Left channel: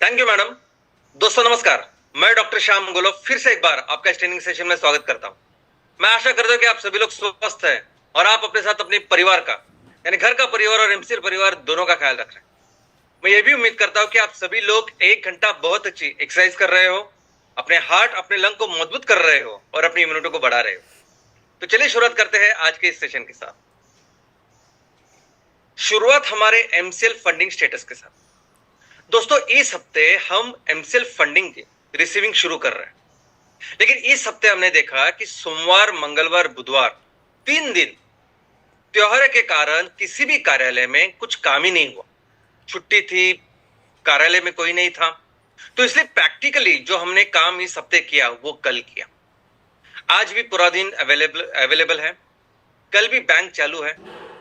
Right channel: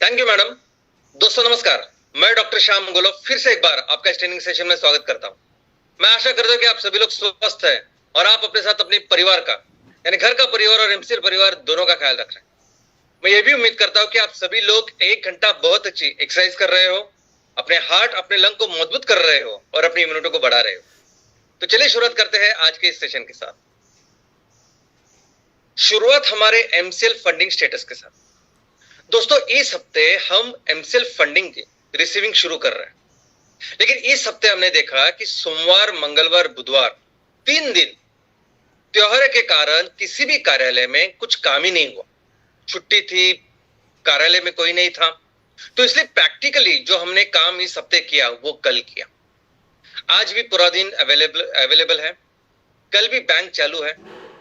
Thank you madam. दोस्तों नमस्कार। मैं डॉक्टर श्याम गोलव फिर से एक बार आपका इस ट्रेनिंग सेशन में स्वागत करता हूं। मैं आशा करता हूं कि आप सभी लोग स्वस्थ हैं और आप अपने साथ अपने परिवार का यानी घर का परिवार और एमसीएल परिवार दोनों का ख्याल रख रहे हैं। मैं ये भी उम्मीद करता हूं कि आप सभी लोग 1 घंटा बहुत अच्छी एक्सरसाइज कर रहे हो, अपने हार्ट अपने लंग को मजबूत कर रहे हो और अपनी इम्यूनिटी को बढ़ा रहे हो। तो चलिए शुरुआत करते हैं आज के इस सेशन के साथ। शुरुआत हमारे एमसीएल फंडिंग स्टेटस के साथ। दोस्तों इस हफ्ते हम एमसीएल फंडिंग की रिसीविंग शुरू कर रहे हैं, लेकिन इस हफ्ते हमने देखा कि सोमवार, मंगलवार, बुधवार 3 दिन त्योहार के कारण किसी भी कार्यालय में कुछ काम ही नहीं हुआ। छुट्टी थी, कार्यालय में कोई नहीं था, तो इसलिए प्रैक्टिकली जो हमने काम इस हफ्ते किया वो कल किया। आज भी पूरा दिन अवेलेबल है, कल भी बैंक चालू है,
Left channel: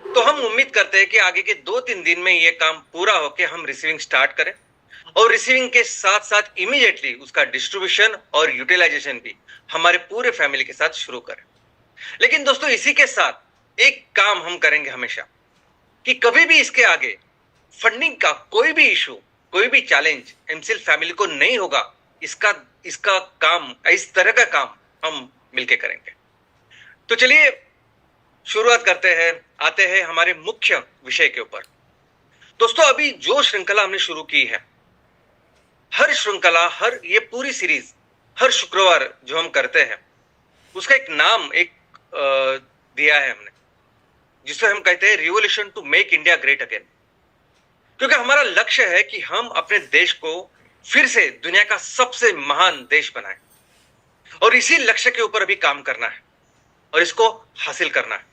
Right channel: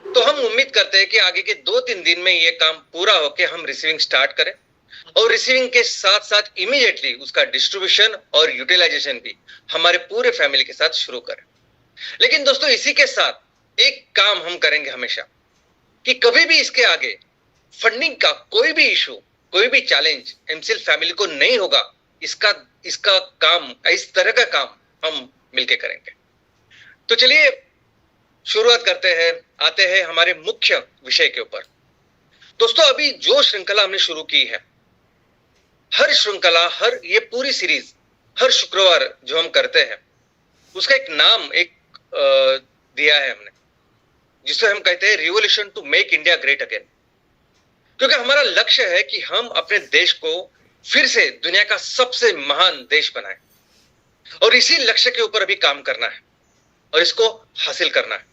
तो हम उम्मीद करते हैं कि आगे के 2-3 दिन में ये काम पूरा होकर हम रिसीविंग स्टार्ट करें और रिसीविंग के साथ साथ इमीडिएटली उसका डिस्ट्रीब्यूशन और यूटिलाइजेशन भी हमारे पूरे फैमिली के साथ शुरू करें। लेकिन दोस्तों इसी के साथ एक काम हम करेंगे हमेशा कि कभी भी इसके आगे फंडिंग का कोई भी इशू, कोई भी चैलेंज एमसीएल फैमिली को नहीं होगा। इसका इसका काम, इस तरह का काम हम मिलकर करेंगे। तो चलिए शुरुआत करते हैं, आते हैं हमारे मुख्य विषय के ऊपर। दोस्तों अभी जो श्रृंखला हमने शुरू की है, हर श्रृंखला, हर ये पूरी सीरीज हर शुक्रवार जो हम करते हैं उसका एक नाम दिया है हमने, जिसे हम कहते हैं revolution to make India great again. क्योंकि हमारा लक्ष्य है कि हम अपने देश को फिर से दुनिया का सबसे महान देश बनाएं और इसी लक्ष्य के ऊपर अभी काम करना है और इसको हासिल करना है।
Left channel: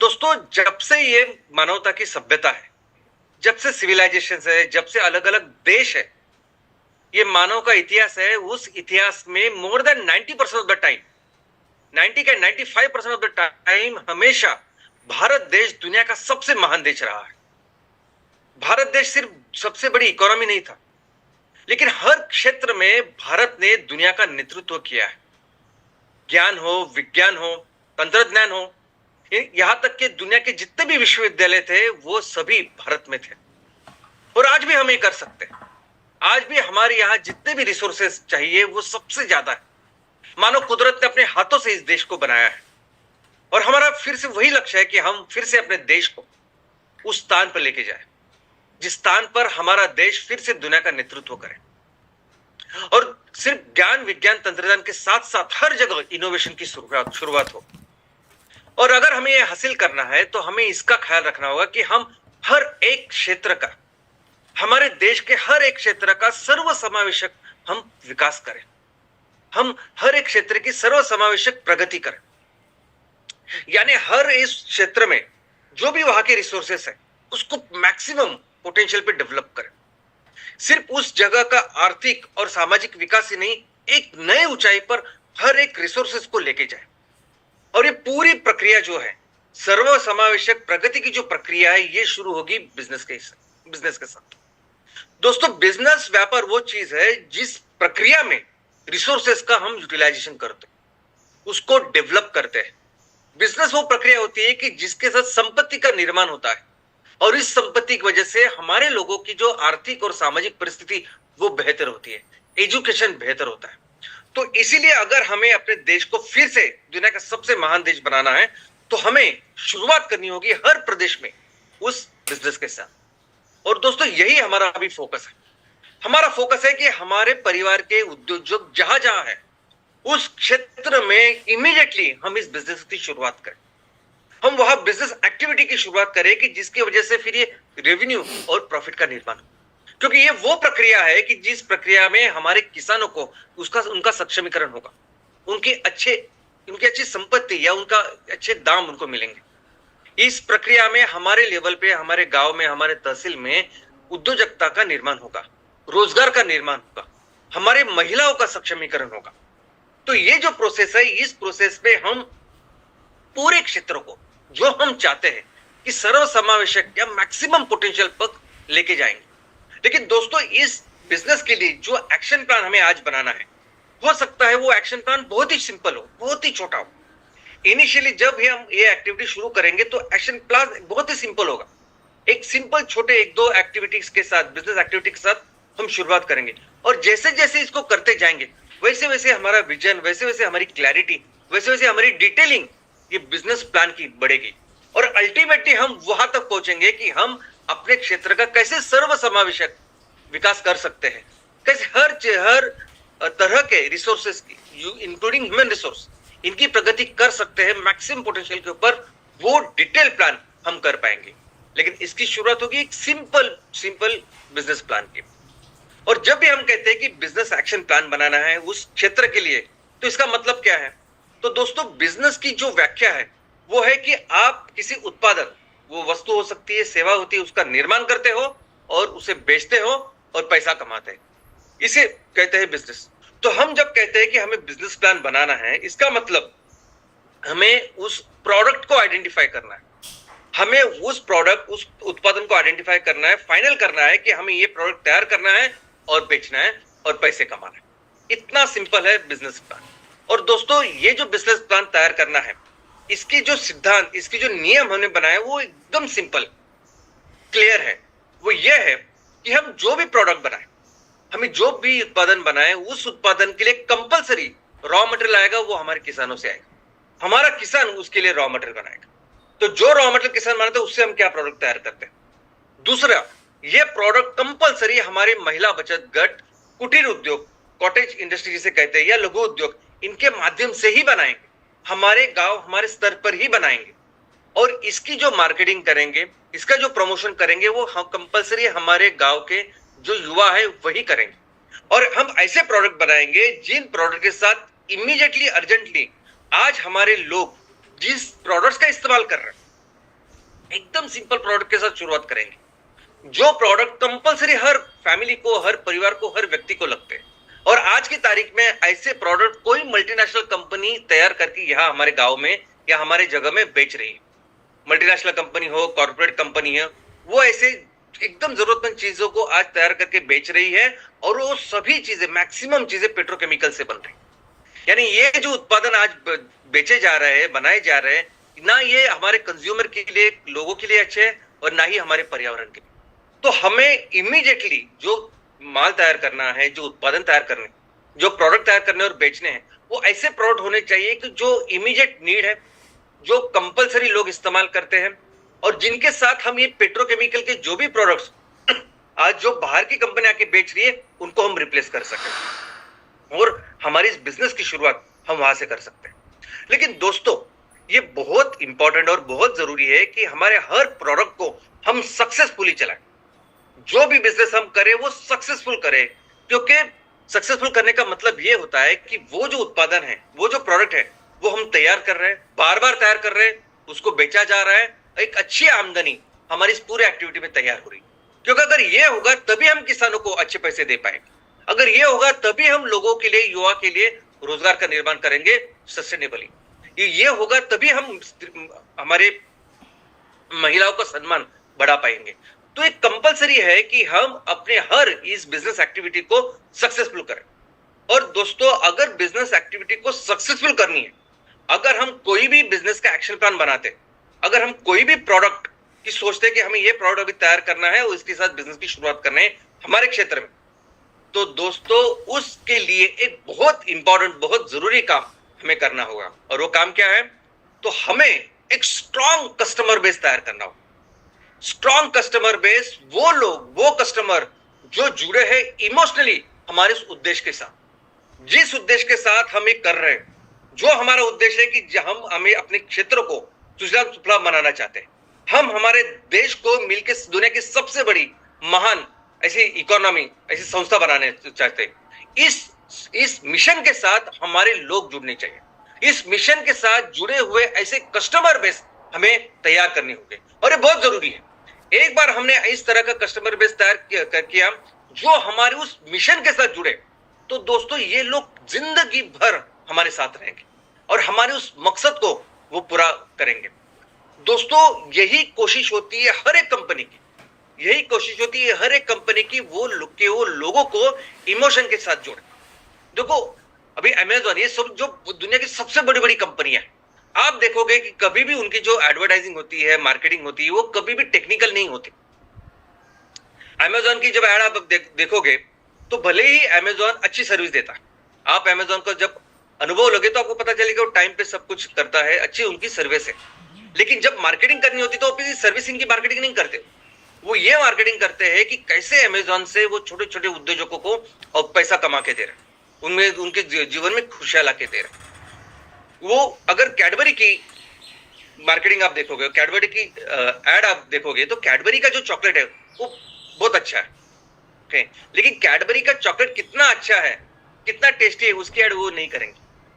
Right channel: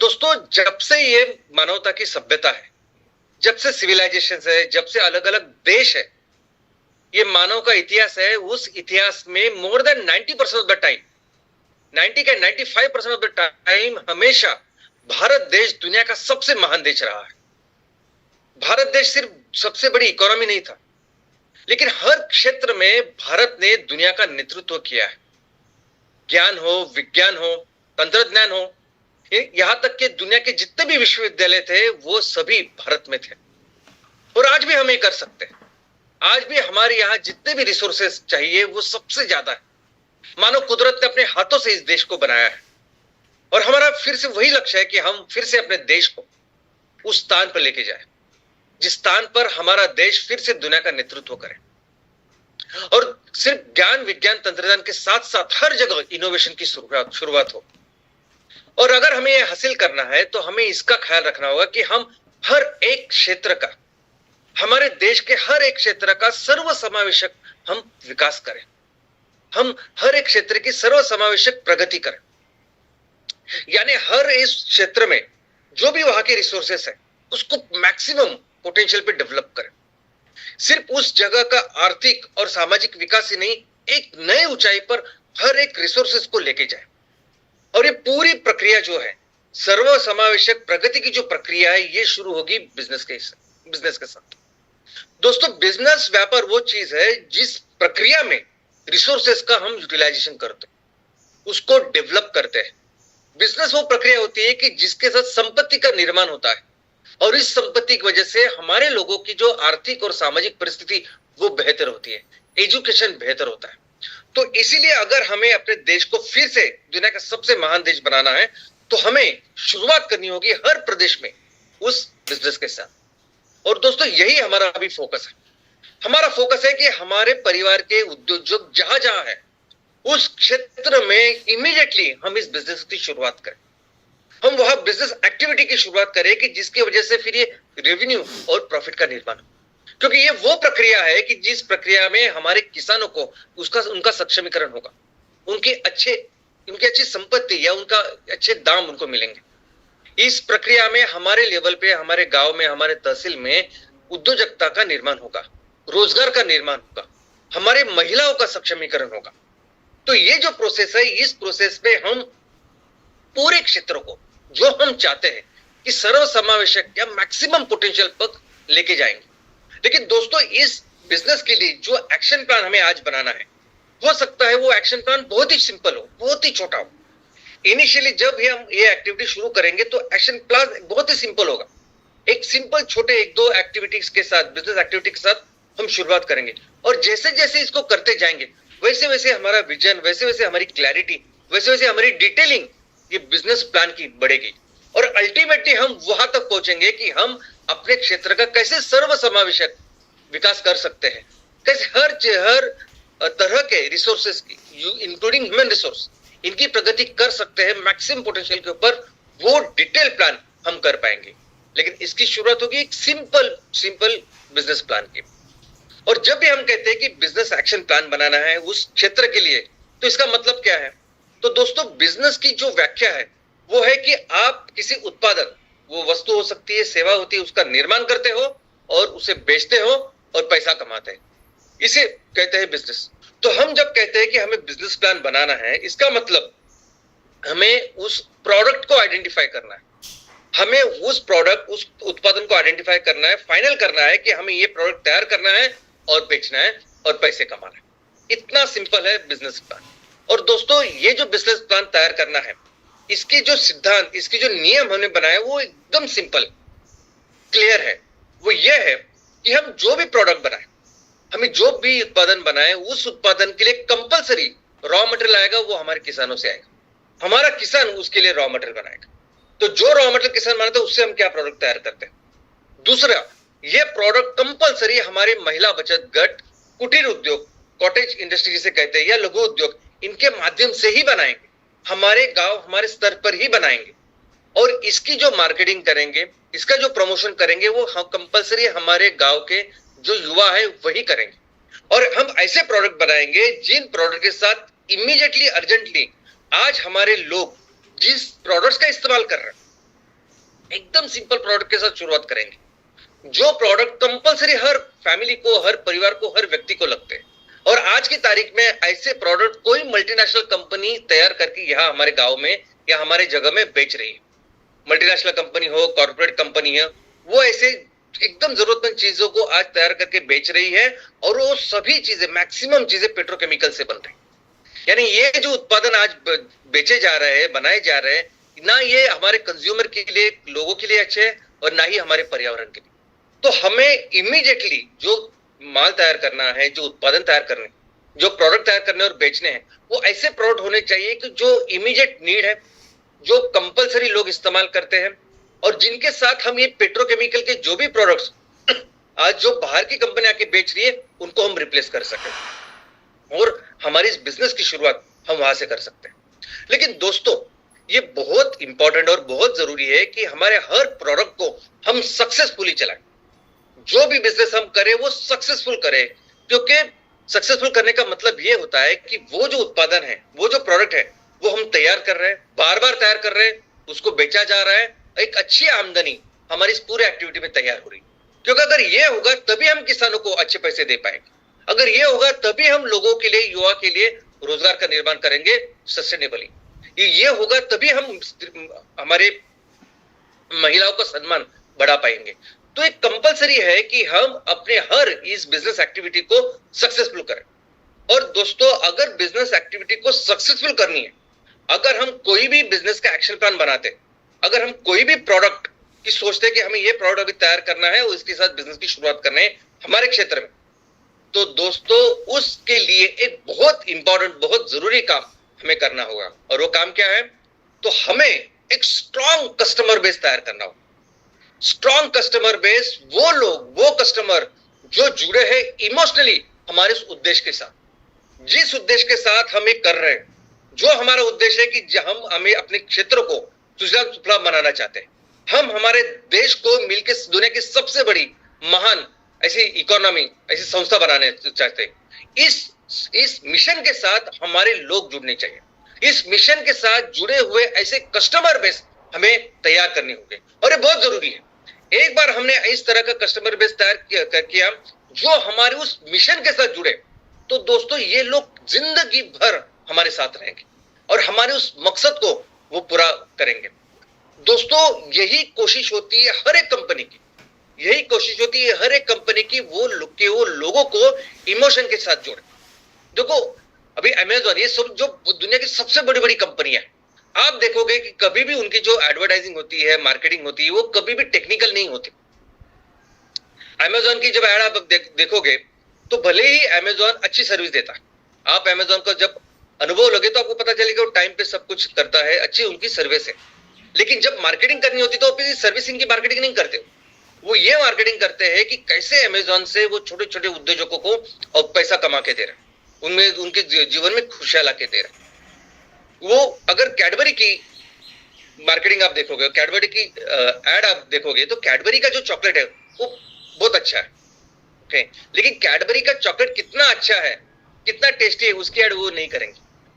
दोस्तों जब से ये मानवता की सभ्यता है, जब से सिविलाइजेशन है, जब से अलग अलग देश है, ये मानव का इतिहास है, उस इतिहास में more than 90% of the time, 95% of the time हमेशा भारत देश दुनिया का सबसे महान देश रहा है। भारत देश सिर्फ सबसे बड़ी इकोनॉमी नहीं था, लेकिन हर क्षेत्र में भारत ने दुनिया का नेतृत्व किया है। ज्ञान हो, विज्ञान हो, तंत्रज्ञान हो, यहां तक कि दुनिया के जितने भी विश्वविद्यालय थे वो सभी भारत में थे। और आज भी हम ये कर सकते हैं। आज भी हमारे यहां जितने भी रिसोर्सेस चाहिए वो सबसे ज्यादा है। मानो कुदरत ने अपने हाथों से इस देश को बनाया है और हमारा फिर से वही लक्ष्य है कि हम फिर से अपने देश को उस स्थान पर लेके जाए जिस स्थान पर हमारा देश फिर से दुनिया का नेतृत्व करे और सिर्फ ज्ञान, विज्ञान, तंत्रज्ञान के साथ साथ हर जगह इनोवेशन की शुरुआत हो। और अगर हमें यह हासिल करना है तो हमें इसका ख्याल रखना होगा कि हम हर एक क्षेत्र का, हमारे देश के हर एक क्षेत्र का सर्वसमावेशक हम विकास करें, हम हर एक क्षेत्र की सर्वसमावेशक प्रगति करें। यानी हर इस क्षेत्र में जो भी वहां के रिसोर्सेस है उसको मैक्सिमम पोटेंशियल पे डेवलप करें। सिर्फ उस जगह का आर्थिक और सामाजिक विकास ही नहीं, एक नए ऊंचाई पर हर एक रिसोर्सेस को लेके जाए। और ये पूरी प्रक्रिया जो है, सर्वसमावेशक प्रगति की जो प्रक्रिया है, ये शुरू होगी बिजनेस के साथ। दोस्तों बिजनेस, व्यापार वो चीज है जिस प्रक्रिया में रिसोर्सेस का हम यूटिलाइजेशन करते हैं, उसको डेवलप करते हैं। बिजनेस वो प्रक्रिया होती है कि जिसके साथ संपत्ति का निर्माण होता है और इस संपत्ति की वजह से हमारे लोगों की जो आर्थिक और सामाजिक परिस्थिति वो बेहतर होती है, एजुकेशन बेहतर होता है। तो इसीलिए अगर हमें अपने देश को फिर से दुनिया का सबसे महान देश बनाना है तो हमें शुरुआत करनी होगी हर प्रदेश में उस बिजनेस के साथ। और दोस्तों यही हमारा अभी फोकस है। हमारा फोकस है कि हमारे परिवार के उद्योग जहां जहां है उस क्षेत्र में इमीडिएटली हम इस बिजनेस की शुरुआत करें, हम वहां बिजनेस एक्टिविटी की शुरुआत करें कि जिसकी वजह से फिर ये रेवेन्यू और प्रॉफिट का निर्माण हो। क्योंकि ये वो प्रक्रिया है कि जिस प्रक्रिया में हमारे किसानों को उनका सक्षमीकरण होगा, उनकी अच्छी संपत्ति या उनका अच्छे दाम उनको मिलेंगे। इस प्रक्रिया में हमारे लेवल पे, हमारे गांव में, हमारे तहसील में उद्योजकता का निर्माण होगा, रोजगार का निर्माण होगा, हमारे महिलाओं का सक्षमीकरण होगा। तो ये जो प्रोसेस है, इस प्रोसेस में हम पूरे क्षेत्र को जो हम चाहते हैं कि सर्वसमावेशक या मैक्सिमम पोटेंशियल पर लेके जाएंगे। लेकिन दोस्तों इस बिजनेस के लिए जो एक्शन प्लान हमें आज बनाना है, हो सकता है वो एक्शन प्लान बहुत ही सिंपल हो, बहुत ही छोटा हो। इनिशियली जब भी हम ये एक्टिविटी शुरू करेंगे तो एक्शन प्लान बहुत ही सिंपल होगा। एक सिंपल छोटे 1-2 एक्टिविटीज के साथ, बिजनेस एक्टिविटी के साथ हम शुरुआत करेंगे। और जैसे जैसे इसको करते जाएंगे वैसे वैसे हमारा विजन, वैसे वैसे हमारी क्लैरिटी, वैसे वैसे हमारी डिटेलिंग ये बिजनेस प्लान की बढ़ेगी। और अल्टीमेटली हम वहां तक पहुंचेंगे कि हम अपने क्षेत्र का कैसे सर्व समावेशक विकास कर सकते हैं, कैसे हर तरह के रिसोर्सेस की इंक्लूडिंग ह्यूमन रिसोर्स इनकी प्रगति कर सकते हैं मैक्सिमम पोटेंशियल के ऊपर, वो डिटेल प्लान हम कर पाएंगे। लेकिन इसकी शुरुआत होगी एक सिंपल बिजनेस प्लान की। और जब भी हम कहते हैं कि बिजनेस एक्शन प्लान बनाना है उस क्षेत्र के लिए, तो इसका मतलब क्या है? तो दोस्तों बिजनेस की जो व्याख्या है वो है कि आप किसी उत्पादन, वो वस्तु हो सकती है, सेवा होती है, उसका निर्माण करते हो और उसे बेचते हो और पैसा कमाते हैं, इसे कहते हैं बिजनेस। तो हम जब कहते हैं कि हमें बिजनेस प्लान बनाना है, इसका मतलब हमें उस प्रोडक्ट को आइडेंटिफाई करना है, हमें उस उत्पादन को आइडेंटिफाई करना है, फाइनल करना है कि हमें ये प्रोडक्ट तैयार करना है और बेचना है और पैसे कमाना है। इतना सिंपल है बिजनेस प्लान। और दोस्तों ये जो बिजनेस प्लान तैयार करना है, इसकी जो सिद्धांत, इसकी जो नियम हमने बनाए वो एकदम सिंपल क्लियर है। वो ये है कि हम जो भी प्रोडक्ट बनाए, हमें जो भी उत्पादन बनाए, उस उत्पादन के लिए कंपलसरी रॉ मटेरियल आएगा, वो हमारे किसानों से आएगा। हमारा किसान उसके लिए रॉ मटेरियल बनाएगा। तो जो रॉ मटेरियल किसान बनाते हैं उससे हम क्या प्रोडक्ट तैयार करते हैं। दूसरा, ये प्रोडक्ट कंपलसरी हमारे महिला बचत गट, कुटीर उद्योग, कॉटेज इंडस्ट्री जिसे कहते हैं, या लघु उद्योग, इनके माध्यम से ही बनाएंगे, हमारे गांव, हमारे स्तर पर ही बनाएंगे। और इसकी जो मार्केटिंग करेंगे, इसका जो प्रमोशन करेंगे, वो कंपलसरी हमारे गांव के जो युवा है वही करेंगे। और हम ऐसे प्रोडक्ट बनाएंगे जिन प्रोडक्ट के साथ इमीडिएटली, अर्जेंटली आज हमारे लोग जिस प्रोडक्ट्स का इस्तेमाल कर रहे हैं, एकदम सिंपल प्रोडक्ट के साथ शुरुआत करेंगे, जो प्रोडक्ट कंपलसरी हर फैमिली को, हर परिवार को, हर व्यक्ति को लगते हैं। और आज की तारीख में ऐसे प्रोडक्ट कोई मल्टीनेशनल कंपनी तैयार करके यहां हमारे गांव में या हमारे जगह में बेच रही है। मल्टीनेशनल कंपनी हो, कॉर्पोरेट कंपनी है, वो ऐसे एकदम जरूरतमंद चीजों को आज तैयार करके बेच रही है। और वो सभी चीजें, मैक्सिमम चीजें पेट्रोकेमिकल से बन रही है। यानी ये जो उत्पादन आज बेचे जा रहे हैं, बनाए जा रहे हैं, ना ये हमारे कंज्यूमर के लिए, लोगों के लिए अच्छे हैं और ना ही हमारे पर्यावरण के लिए। तो हमें इमीडिएटली जो माल तैयार करना है, जो उत्पादन तैयार करने, जो प्रोडक्ट तैयार करने और बेचने हैं, वो ऐसे प्रोडक्ट होने चाहिए कि जो इमीडिएट नीड है, जो कंपलसरी लोग इस्तेमाल करते हैं, और जिनके साथ हम ये पेट्रोकेमिकल के जो भी प्रोडक्ट्स आज जो बाहर की कंपनी आके बेच रही है उनको हम रिप्लेस कर सकें। और हमारी इस बिजनेस की शुरुआत हम वहां से कर सकते हैं। लेकिन दोस्तों ये बहुत इंपॉर्टेंट और बहुत जरूरी है कि हमारे हर प्रोडक्ट को हम सक्सेसफुली चलाएं। जो भी बिजनेस हम करें वो सक्सेसफुल करें, क्योंकि सक्सेसफुल करने का मतलब ये होता है कि वो जो उत्पादन है, वो जो प्रोडक्ट है, वो हम तैयार कर रहे हैं, बार बार तैयार कर रहे हैं, उसको बेचा जा रहा है, एक अच्छी आमदनी हमारी इस पूरे एक्टिविटी में तैयार हो रही है। क्योंकि अगर ये होगा तभी हम किसानों को अच्छे पैसे दे पाएंगे, अगर ये होगा तभी हम लोगों के लिए, युवा के लिए रोजगार का निर्माण करेंगे सस्टेनेबली। ये होगा तभी हम हमारे महिलाओं का सम्मान बढ़ा पाएंगे। तो एक कंपलसरी है कि हम अपने हर इस बिजनेस एक्टिविटी को सक्सेसफुल करें। और दोस्तों अगर बिजनेस एक्टिविटी को सक्सेसफुल करनी है, अगर हम कोई भी बिजनेस का एक्शन प्लान बनाते, अगर हम कोई भी प्रोडक्ट की सोचते कि हमें ये प्रोडक्ट अभी तैयार करना है और इसके साथ बिजनेस की शुरुआत करना है हमारे क्षेत्र में, तो दोस्तों उसके लिए एक बहुत इंपॉर्टेंट, बहुत जरूरी काम हमें करना होगा। और वो काम क्या है? तो हमें एक स्ट्रॉन्ग कस्टमर बेस तैयार करना होगा। स्ट्रॉन्ग कस्टमर बेस, वो लोग, वो कस्टमर जो जुड़े हैं इमोशनली हमारे उस उद्देश्य के साथ, जिस उद्देश्य के साथ हम ये कर रहे हैं, जो हमारा उद्देश्य है कि हम हमें अपने क्षेत्र को सुजलाम सुफलाम बनाना चाहते हैं, हम हमारे देश को मिलकर दुनिया की सबसे बड़ी महान ऐसी इकोनॉमी, ऐसी संस्था बनाने चाहते हैं। इस मिशन के साथ हमारे लोग जुड़ने चाहिए। इस मिशन के साथ जुड़े हुए ऐसे कस्टमर बेस हमें तैयार करने होंगे और ये बहुत जरूरी है। एक बार हमने इस तरह का कस्टमर बेस तैयार किया जो हमारे उस मिशन के साथ जुड़े, तो दोस्तों ये लोग जिंदगी भर हमारे साथ रहेंगे और हमारे उस मकसद को वो पूरा करेंगे। दोस्तों यही कोशिश होती है हर एक कंपनी की, यही कोशिश होती है हर एक कंपनी की, वो लोगों को इमोशन के साथ जोड़े। देखो अभी अमेज़न, ये सब जो दुनिया की सबसे बड़ी बड़ी कंपनियां हैं, आप देखोगे कि कभी भी उनकी जो एडवर्टाइजिंग होती है, मार्केटिंग होती है, वो कभी भी टेक्निकल नहीं होती। अमेज़न की जब ऐड आप देखोगे तो भले ही अमेजॉन अच्छी सर्विस देता है, आप अमेजॉन का जब अनुभव लगे तो आपको पता चलेगा वो टाइम पे सब कुछ करता है, अच्छी उनकी सर्विस है। लेकिन जब मार्केटिंग करनी होती तो वो सर्विसिंग की मार्केटिंग नहीं करते, वो ये मार्केटिंग करते हैं कि कैसे अमेजॉन से वो छोटे छोटे उद्योजकों को और पैसा कमा के दे रहे हैं, उनमें उनके जीवन में खुशियां ला के दे रहे हैं। वो अगर कैडबरी की मार्केटिंग आप देखोगे, कैडबरी की एड आप देखोगे तो कैडबरी का जो चॉकलेट है वो बहुत अच्छा है, ओके, लेकिन कैडबरी का चॉकलेट कितना अच्छा है, कितना टेस्टी है, उसकी एड वो नहीं करेंगे।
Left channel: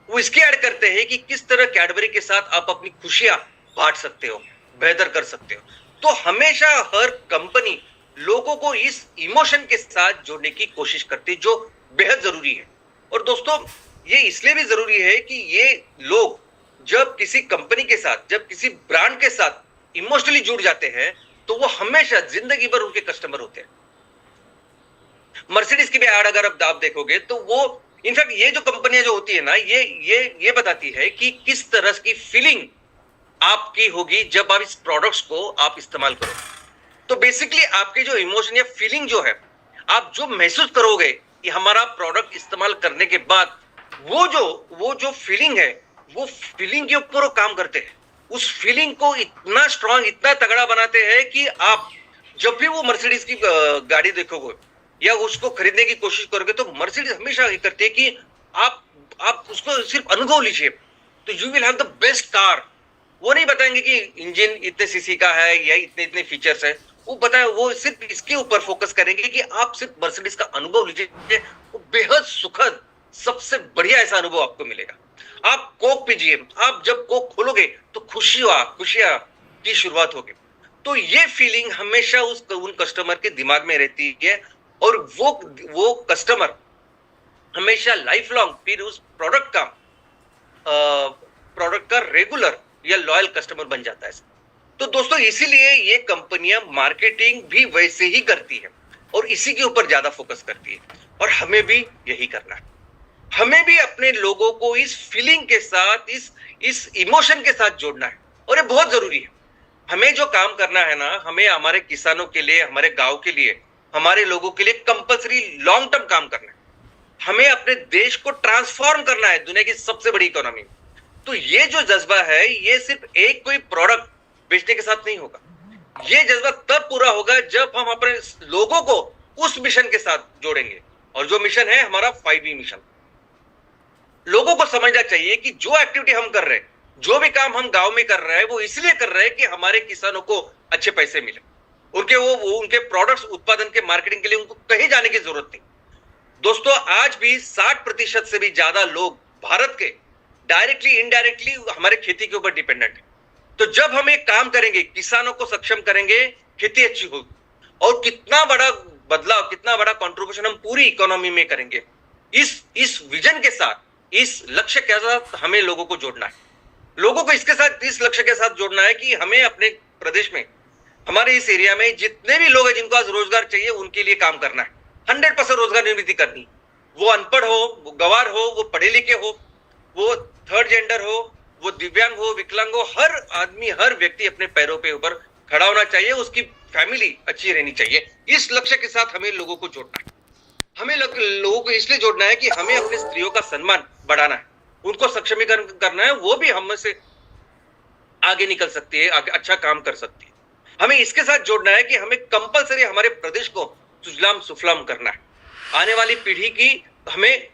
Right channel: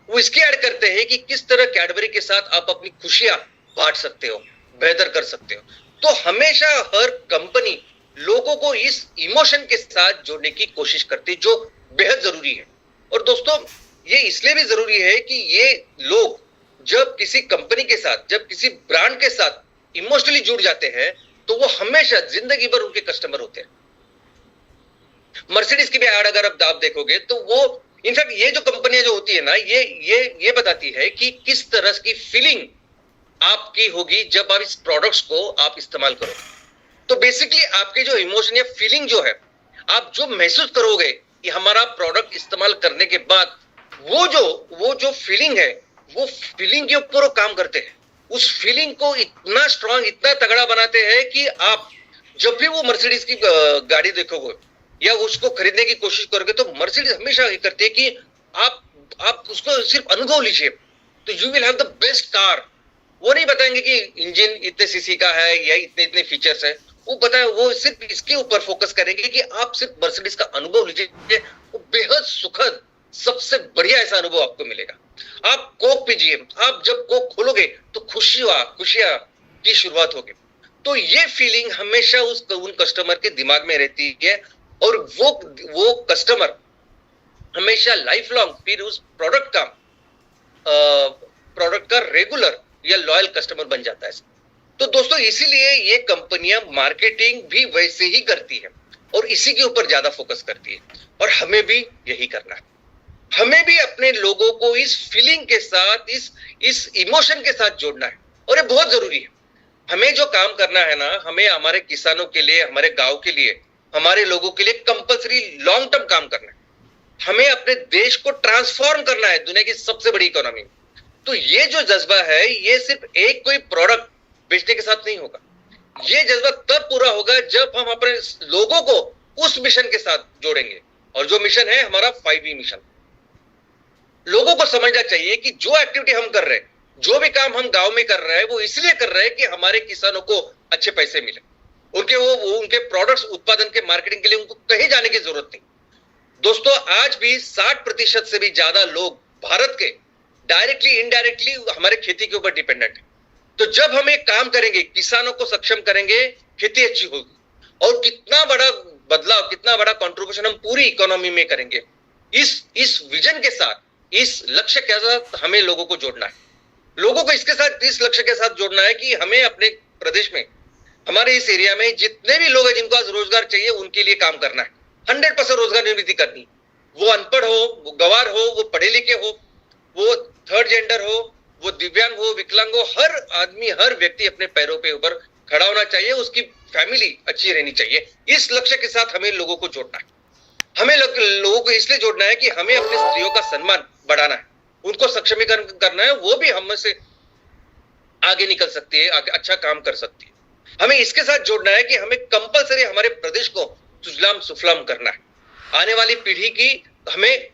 वो इसकी एड करते हैं कि किस तरह कैडबरी के साथ आप अपनी खुशियां बांट सकते हो, बेहतर कर सकते हो। तो हमेशा हर कंपनी लोगों को इस इमोशन के साथ जोड़ने की कोशिश करती है, जो बेहद जरूरी है। और दोस्तों ये इसलिए भी जरूरी है कि ये लोग जब किसी कंपनी के साथ, जब किसी ब्रांड के साथ इमोशनली जुड़ जाते हैं तो वो हमेशा जिंदगी भर उनके कस्टमर होते हैं। मर्सिडीज की भी एड अगर आप देखोगे तो वो इनफैक्ट ये जो कंपनियां जो होती है ना, ये बताती है कि किस तरह की फीलिंग आपकी होगी जब आप इस प्रोडक्ट्स को आप इस्तेमाल करो। तो बेसिकली आपके जो इमोशन या फीलिंग जो है, आप जो महसूस करोगे कि हमारा प्रोडक्ट इस्तेमाल करने के बाद वो जो फीलिंग है, वो फीलिंग के ऊपर वो काम करते हैं। उस फीलिंग को इतना स्ट्रांग, इतना तगड़ा बनाते हैं कि आप जब भी वो मर्सिडीज की गाड़ी देखोगे या उसको खरीदने की कोशिश करोगे तो मर्सिडीज हमेशा ये करती है कि आप उसको सिर्फ अनुभव लीजिए तो you will have the best car. वो नहीं बताएंगे कि इंजन इतने सीसी का है या इतने इतने फीचर्स है, वो सिर्फ इसके ऊपर फोकस करेंगे कि आप सिर्फ मर्सिडीज का अनुभव लीजिए, वो बेहद सुखद, सबसे बढ़िया ऐसा अनुभव आपको मिलेगा। आप कोक पीजिए, आप जब कोक खोलोगे तो खुशियां की शुरुआत होगी। तो ये फीलिंग हमेशा उन कस्टमर के दिमाग में रहती है और वो कस्टमर हमेशा लाइफ लॉन्ग फिर उस प्रोडक्ट का रेगुलर या लॉयल कस्टमर बन जाता है। तो दोस्तों इसीलिए ये कंपनियां मार्केटिंग भी वैसे ही करती है और इसी के ऊपर ज्यादा फोकस करती है, और हमें भी यही करना है। हमें भी अपने लोगों को इस फीलिंग के साथ, इस इमोशन के साथ जोड़ना है, और ये बहुत जरूरी है। हमें जो काम करना है ना, हमें हमारे किसानों के लिए, हमारे गांव के लिए, हमारे लोगों के लिए कंपलसरी लॉन्ग टर्म काम करना है। हमें अपने देश को ट्रांसफॉर्म करना है दुनिया की सबसे बड़ी इकोनॉमी। तो ये जो जज्बा है, ये सिर्फ एक कोई प्रोडक्ट बेचने के साथ नहीं होगा। ये जज्बा तब पूरा होगा जब हम अपने लोगों को उस मिशन के साथ जोड़ेंगे, और जो मिशन है हमारा 5E मिशन। लोगों को समझना चाहिए कि जो एक्टिविटी हम कर रहे हैं, जो भी काम हम गांव में कर रहे हैं, वो इसलिए कर रहे हैं कि हमारे किसानों को अच्छे पैसे मिले, उनके प्रोडक्ट्स उत्पादन के मार्केटिंग के लिए उनको कहीं जाने की जरूरत नहीं। दोस्तों आज भी 60% से भी ज्यादा लोग भारत के डायरेक्टली इनडायरेक्टली हमारे खेती के ऊपर डिपेंडेंट है। तो जब हम एक काम करेंगे, किसानों को सक्षम करेंगे, खेती अच्छी होगी, और कितना बड़ा बदलाव, कितना बड़ा कंट्रीब्यूशन हम पूरी इकोनॉमी में करेंगे। इस विजन के साथ, इस लक्ष्य के साथ हमें लोगों को जोड़ना है। लोगों को इसके साथ, इस लक्ष्य के साथ जोड़ना है कि हमें अपने प्रदेश में, हमारे इस एरिया में जितने भी लोग हैं जिनको आज रोजगार चाहिए, उनके लिए काम करना है। 100% रोजगार निर्मित करनी। वो अनपढ़ हो, वो गवार हो, वो पढ़े लिखे हो, वो थर्ड जेंडर हो, वो दिव्यांग हो, विकलांग हो, हर आदमी, हर व्यक्ति अपने पैरों पे ऊपर खड़ा होना चाहिए, उसकी फैमिली अच्छी रहनी चाहिए। इस लक्ष्य के साथ हमें लोगों को जोड़ना है। हमें लोगों को इसलिए जोड़ना है कि हमें अपने स्त्रियों का सम्मान बढ़ाना है, उनको सक्षमीकरण करना है, वो भी हम से आगे निकल सकती है, आगे अच्छा काम कर सकती है। हमें इसके साथ जोड़ना है कि हमें कंपलसरी हमारे प्रदेश को सुजलाम सुफलाम करना है। आने वाली पीढ़ी की हमें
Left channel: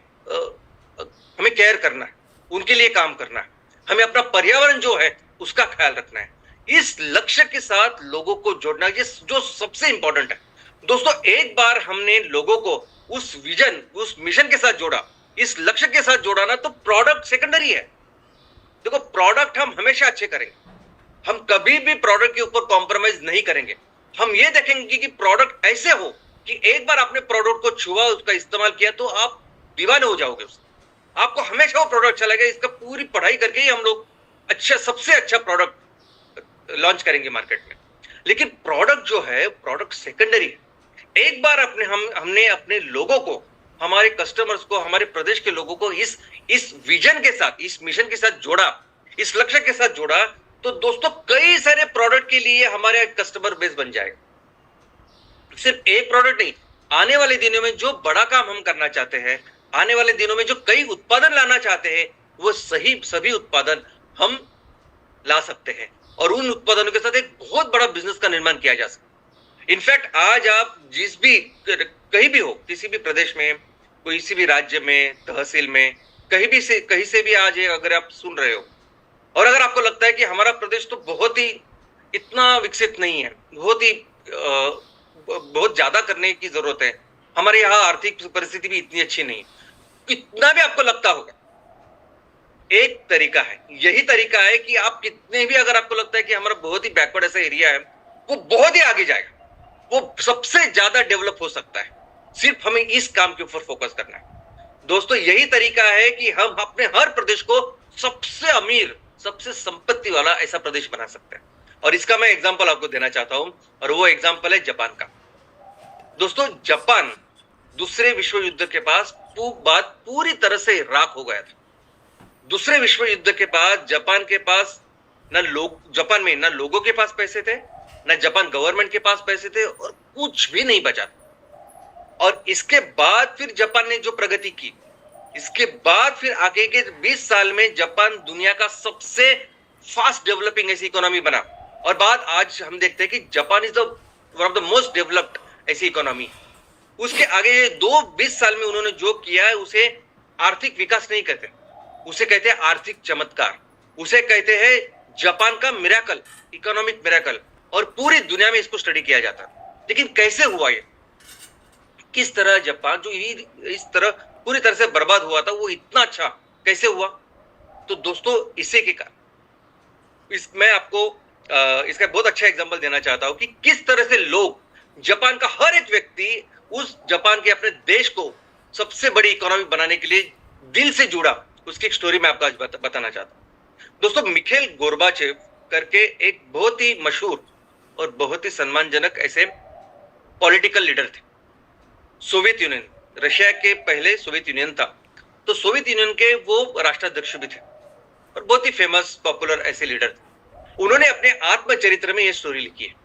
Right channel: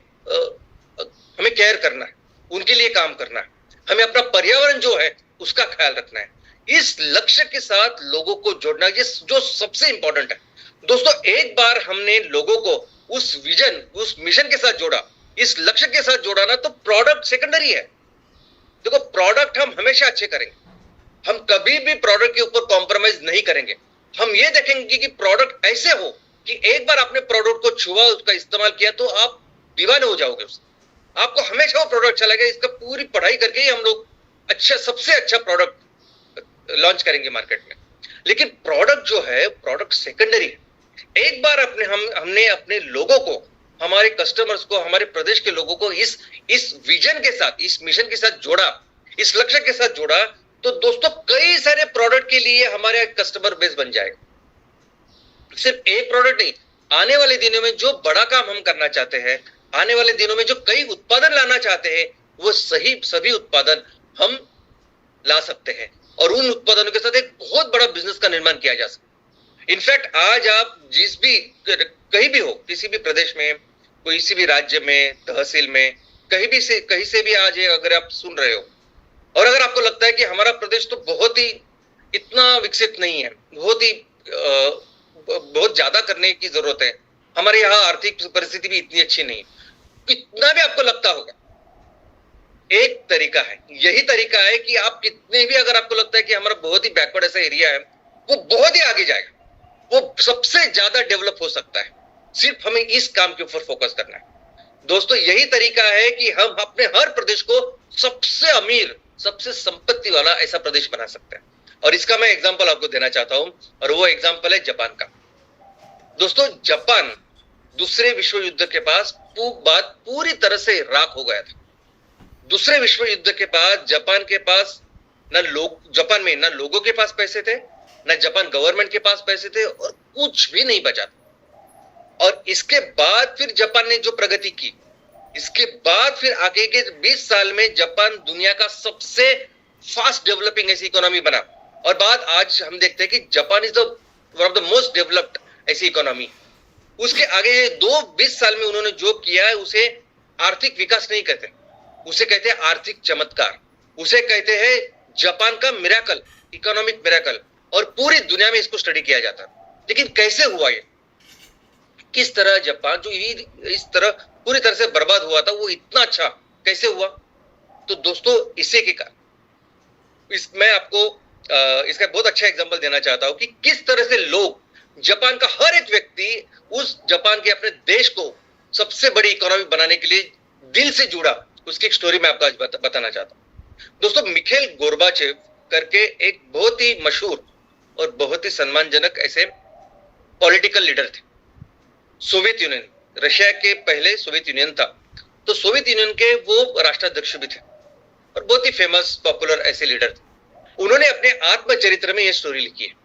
केयर करना है, उनके लिए काम करना है। हमें अपना पर्यावरण जो है उसका ख्याल रखना है। इस लक्ष्य के साथ लोगों को जोड़ना, ये जो सबसे इंपॉर्टेंट है। दोस्तों एक बार हमने लोगों को उस विजन, उस मिशन के साथ जोड़ा, इस लक्ष्य के साथ जोड़ा ना, तो प्रोडक्ट सेकेंडरी है। देखो प्रोडक्ट हम हमेशा अच्छे करेंगे, हम कभी भी प्रोडक्ट के ऊपर कॉम्प्रोमाइज नहीं करेंगे। हम ये देखेंगे कि प्रोडक्ट ऐसे हो कि एक बार आपने प्रोडक्ट को छुआ, उसका इस्तेमाल किया, तो आप दीवाने हो जाओगे उससे। आपको हमेशा वो प्रोडक्ट अच्छा लगेगा। इसका पूरी पढ़ाई करके ही हम लोग सबसे अच्छा प्रोडक्ट लॉन्च करेंगे मार्केट में। लेकिन प्रोडक्ट जो है, प्रोडक्ट सेकेंडरी है। एक बार हमने अपने लोगों को, हमारे कस्टमर्स को, हमारे प्रदेश के लोगों को इस विजन के साथ, इस मिशन के साथ जोड़ा, इस लक्ष्य के साथ जोड़ा, तो दोस्तों कई सारे प्रोडक्ट के लिए हमारे कस्टमर बेस बन जाएगा। सिर्फ एक प्रोडक्ट नहीं, आने वाले दिनों में जो बड़ा काम हम करना चाहते हैं, आने वाले दिनों में जो कई उत्पादन लाना चाहते हैं, वो सभी उत्पादन हम ला सकते हैं और उन उत्पादनों के साथ एक बहुत बड़ा बिजनेस का निर्माण किया जा सकता है। इनफैक्ट आज आप जिस भी कहीं भी हो, किसी भी प्रदेश में, किसी भी राज्य में, तहसील में, कहीं से भी आज अगर आप सुन रहे हो और अगर आपको लगता है कि हमारा प्रदेश तो बहुत ही इतना विकसित नहीं है, बहुत ज्यादा करने की जरूरत है, हमारे यहाँ आर्थिक परिस्थिति भी इतनी अच्छी नहीं है, कितना भी आपको लगता होगा, एक तरीका है, यही तरीका है कि आप कितने भी अगर आपको लगता है कि हमारा बहुत ही बैकवर्ड ऐसा एरिया है, वो बहुत ही आगे जाएगा, वो सबसे ज्यादा डेवलप हो सकता है, सिर्फ हमें इस काम के ऊपर फोकस करना है। दोस्तों यही तरीका है कि हम अपने हर प्रदेश को सबसे अमीर, सबसे संपत्ति वाला ऐसा प्रदेश बना सकते हैं। और इसका मैं एग्जांपल आपको देना चाहता हूं और वो एग्जांपल है जापान का। दोस्तों जापान दूसरे विश्व युद्ध के पास बात पूरी तरह से राख हो गया था। दूसरे विश्व युद्ध के बाद जापान के पास जापान में ना लोगों के पास पैसे थे, ना जापान गवर्नमेंट के पास पैसे थे और कुछ भी नहीं बचा। और इसके बाद फिर जापान ने जो प्रगति की, इसके बाद फिर आगे के 20 साल में जापान दुनिया का सबसे फास्ट डेवलपिंग ऐसी इकोनॉमी बना। और बात आज हम देखते हैं कि Japan is one of the most developed ऐसी इकोनॉमी। उसके आगे 20 साल में उन्होंने जो किया है उसे आर्थिक विकास नहीं कहते, उसे कहते हैं आर्थिक चमत्कार, उसे कहते हैं जापान का मिरेकल, इकोनॉमिक मिरेकल। और पूरी दुनिया में इसको स्टडी किया जाता है। लेकिन कैसे हुआ ये, किस तरह जापान जो इस तरह पूरी तरह से बर्बाद हुआ था वो इतना अच्छा कैसे हुआ? तो दोस्तों इसी के कारण मैं आपको इसका बहुत अच्छा एग्जांपल देना चाहता हूं कि किस तरह से लोग, जापान का हर एक व्यक्ति उस जापान के अपने देश को सबसे बड़ी इकोनॉमी बनाने के लिए दिल से जुड़ा। उसकी एक स्टोरी मैं आपको आज बताना चाहता हूं। दोस्तों मिखेल गोर्बाचेव करके एक बहुत ही मशहूर और बहुत ही सम्मानजनक ऐसे पॉलिटिकल लीडर थे। सोवियत यूनियन, रशिया के पहले सोवियत यूनियन था, तो सोवियत यूनियन के वो राष्ट्राध्यक्ष भी थे और बहुत ही फेमस पॉपुलर ऐसे लीडर थे। उन्होंने अपने आत्मचरित्र में यह स्टोरी लिखी है।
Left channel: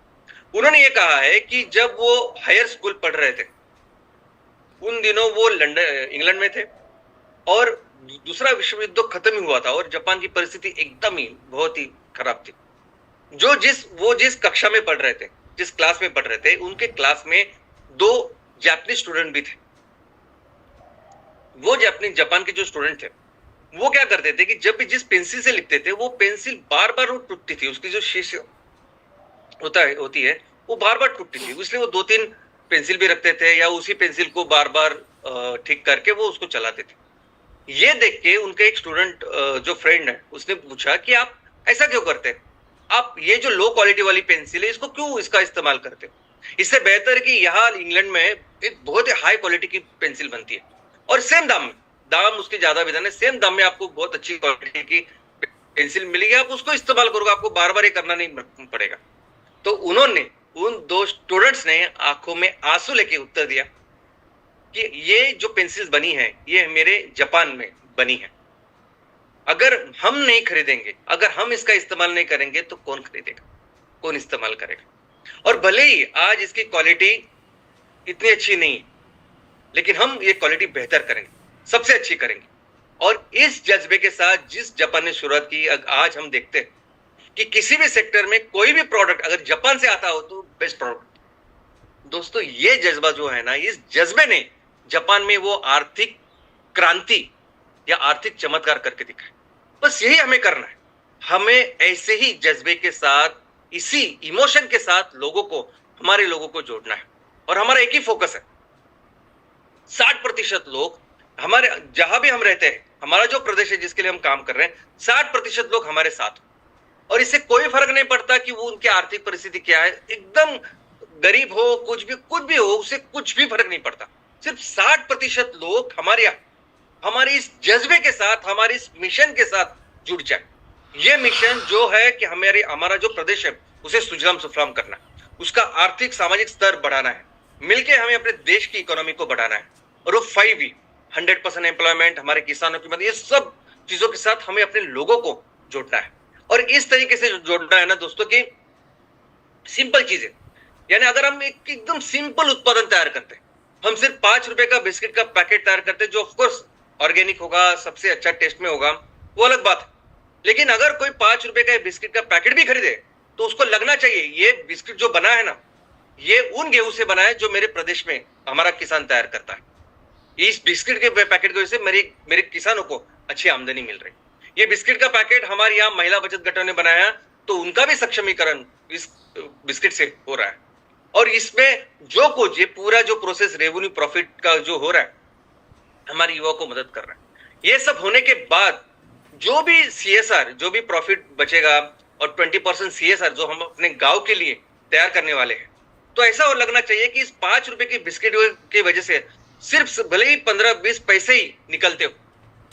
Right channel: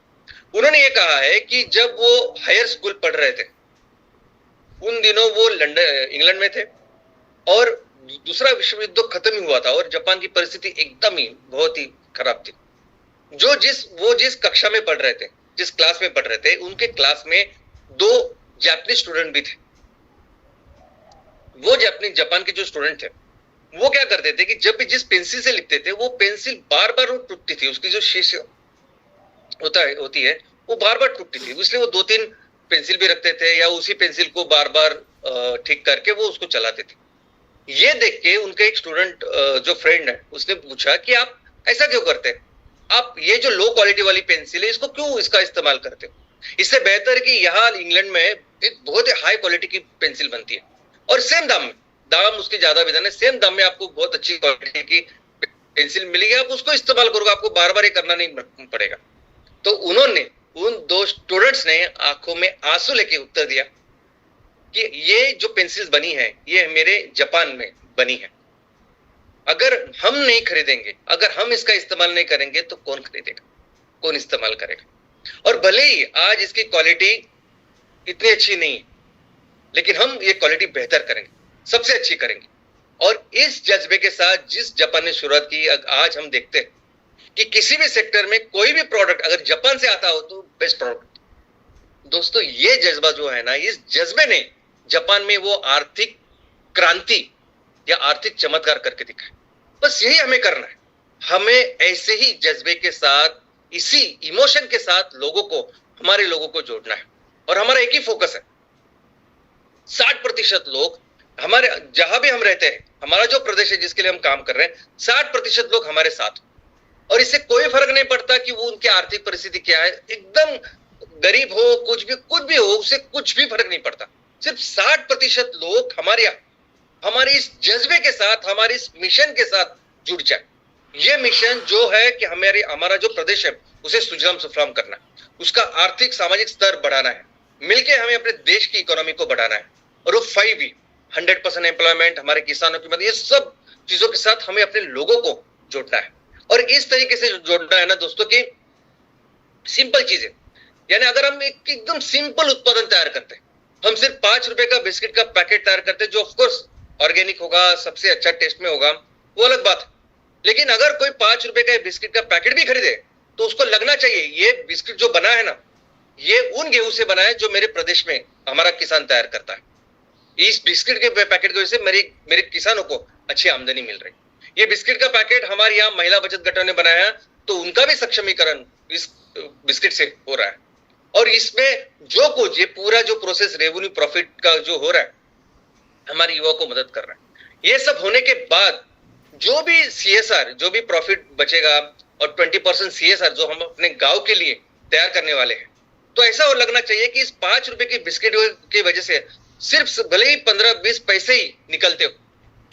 उन्होंने ये कहा है कि जब वो हायर स्कूल पढ़ रहे थे, उन दिनों वो इंग्लैंड में थे और दूसरा विश्व युद्ध खत्म ही हुआ था और जापान की परिस्थिति एकदम ही बहुत ही खराब थी। वो जिस कक्षा में पढ़ रहे थे, जिस क्लास में पढ़ रहे थे, उनके क्लास में 2 जापानी स्टूडेंट भी थे। वो जापान के जो स्टूडेंट थे वो क्या करते थे कि जब भी जिस पेंसिल से लिखते थे वो पेंसिल बार बार टूटती थी, उसकी जो शीश होती है वो बार बार टूटती थी, इसलिए वो 2-3 पेंसिल भी रखते थे या उसी पेंसिल को बार बार ठीक करके वो उसको चलाते थे। ये देख के उनका एक स्टूडेंट जो फ्रेंड है उसने पूछा कि आप ऐसा क्यों करते हैं, आप ये जो लो क्वालिटी वाली पेंसिल है इसको क्यों इसका इस्तेमाल करते हो? इससे बेहतर कि यहाँ इंग्लैंड में एक बहुत ही हाई क्वालिटी की पेंसिल बनती है और सेम दाम उसके ज्यादा भी नहीं, सेम दाम में आपको बहुत अच्छी क्वालिटी की पेंसिल मिलेगी, आप उसको इस्तेमाल करोगे, आपको बार बार ये करना नहीं पड़ेगा। तो उन्होंने उन 2 स्टूडेंट्स ने आंखों में आंसू लेके उत्तर दिया कि ये जो पेंसिल्स बनी है ये मेरे जापान में बनी है, अगर हम नहीं खरीदेंगे, अगर हम इसका इस्तेमाल नहीं करेंगे तो कौन खरीदेगा, कौन इस्तेमाल करेगा? और भले ही आज इसकी क्वालिटी इतनी अच्छी नहीं है, लेकिन हम ये क्वालिटी बेहतर करेंगे, सबसे अच्छी करेंगे। और इस जज्बे के साथ जिस जापान ने शुरुआत की, आज हम देखते हैं कि किसी भी सेक्टर में कोई भी प्रोडक्ट अगर जापान से आता हो तो बेस्ट प्रोडक्ट। दोस्तों ये जज्बा जो है ना, इस जज्बे ने जापान में वो आर्थिक क्रांति या आर्थिक चमत्कार करके दिखाया। बस यही हमें करना है, हमें ऐसे ही जज्बे के साथ, इसी इमोशन के साथ हमारे लोगों को जोड़ना है। और हमारा एक ही फोकस है, 60% लोग हमारे जहां भी हम रहते हैं, हमारा जो प्रदेश है जिसके लिए हम काम कर रहे हैं, 60% लोग हमारे साथ। और इससे कोई फर्क नहीं पड़ता कि वो उनकी आर्थिक परिस्थिति क्या है, एकदम गरीब हो, कुछ भी हो, उससे कुछ भी फर्क नहीं पड़ता। सिर्फ 60% लोग हमारे इस जज्बे के साथ, हमारे इस मिशन के साथ जुड़ जाए। ये मिशन जो है कि हमारा जो प्रदेश है उसे सुजलाम सुफलाम करना, उसका आर्थिक सामाजिक स्तर बढ़ाना है, मिलके हमें अपने देश की इकोनॉमी को बढ़ाना है। और वो 5 100% एम्प्लॉयमेंट, हमारे किसानों की मदद, ये सब चीजों के साथ हमें अपने लोगों को जोड़ना है। और इस तरीके से जोड़ना है ना दोस्तों की सिंपल चीजें, यानी अगर हम एक एकदम सिंपल उत्पादन तैयार करते हैं, हम सिर्फ 5 रुपए का बिस्किट का पैकेट तैयार करते हैं, जो ऑफकोर्स ऑर्गेनिक होगा, सबसे अच्छा टेस्ट में होगा, वो अलग बात है। लेकिन अगर कोई 5 रुपए का बिस्किट का पैकेट भी खरीदे तो उसको लगना चाहिए ये बिस्किट जो बना है ना, ये उन गेहूं से बना है जो मेरे प्रदेश में हमारा किसान तैयार करता है। इस बिस्किट के पैकेट की वजह से मेरे किसानों को अच्छी आमदनी मिल रही। ये बिस्किट का पैकेट हमारे यहाँ महिला बचत गठों ने बनाया, तो उनका भी सक्षमीकरण इस बिस्किट से हो रहा है। और इसमें जो कुछ ये पूरा जो प्रोसेस रेवेन्यू प्रॉफिट का जो हो रहा है, हमारे युवाओं को मदद कर रहा है। ये सब होने के बाद जो भी सीएसआर, जो भी प्रॉफिट बचेगा और 20% सीएसआर जो हम अपने गांव के लिए तैयार करने वाले हैं, तो ऐसा और लगना चाहिए कि इस 5 रुपए की बिस्किट की वजह से सिर्फ भले ही 15-20 पैसे ही निकलते हो,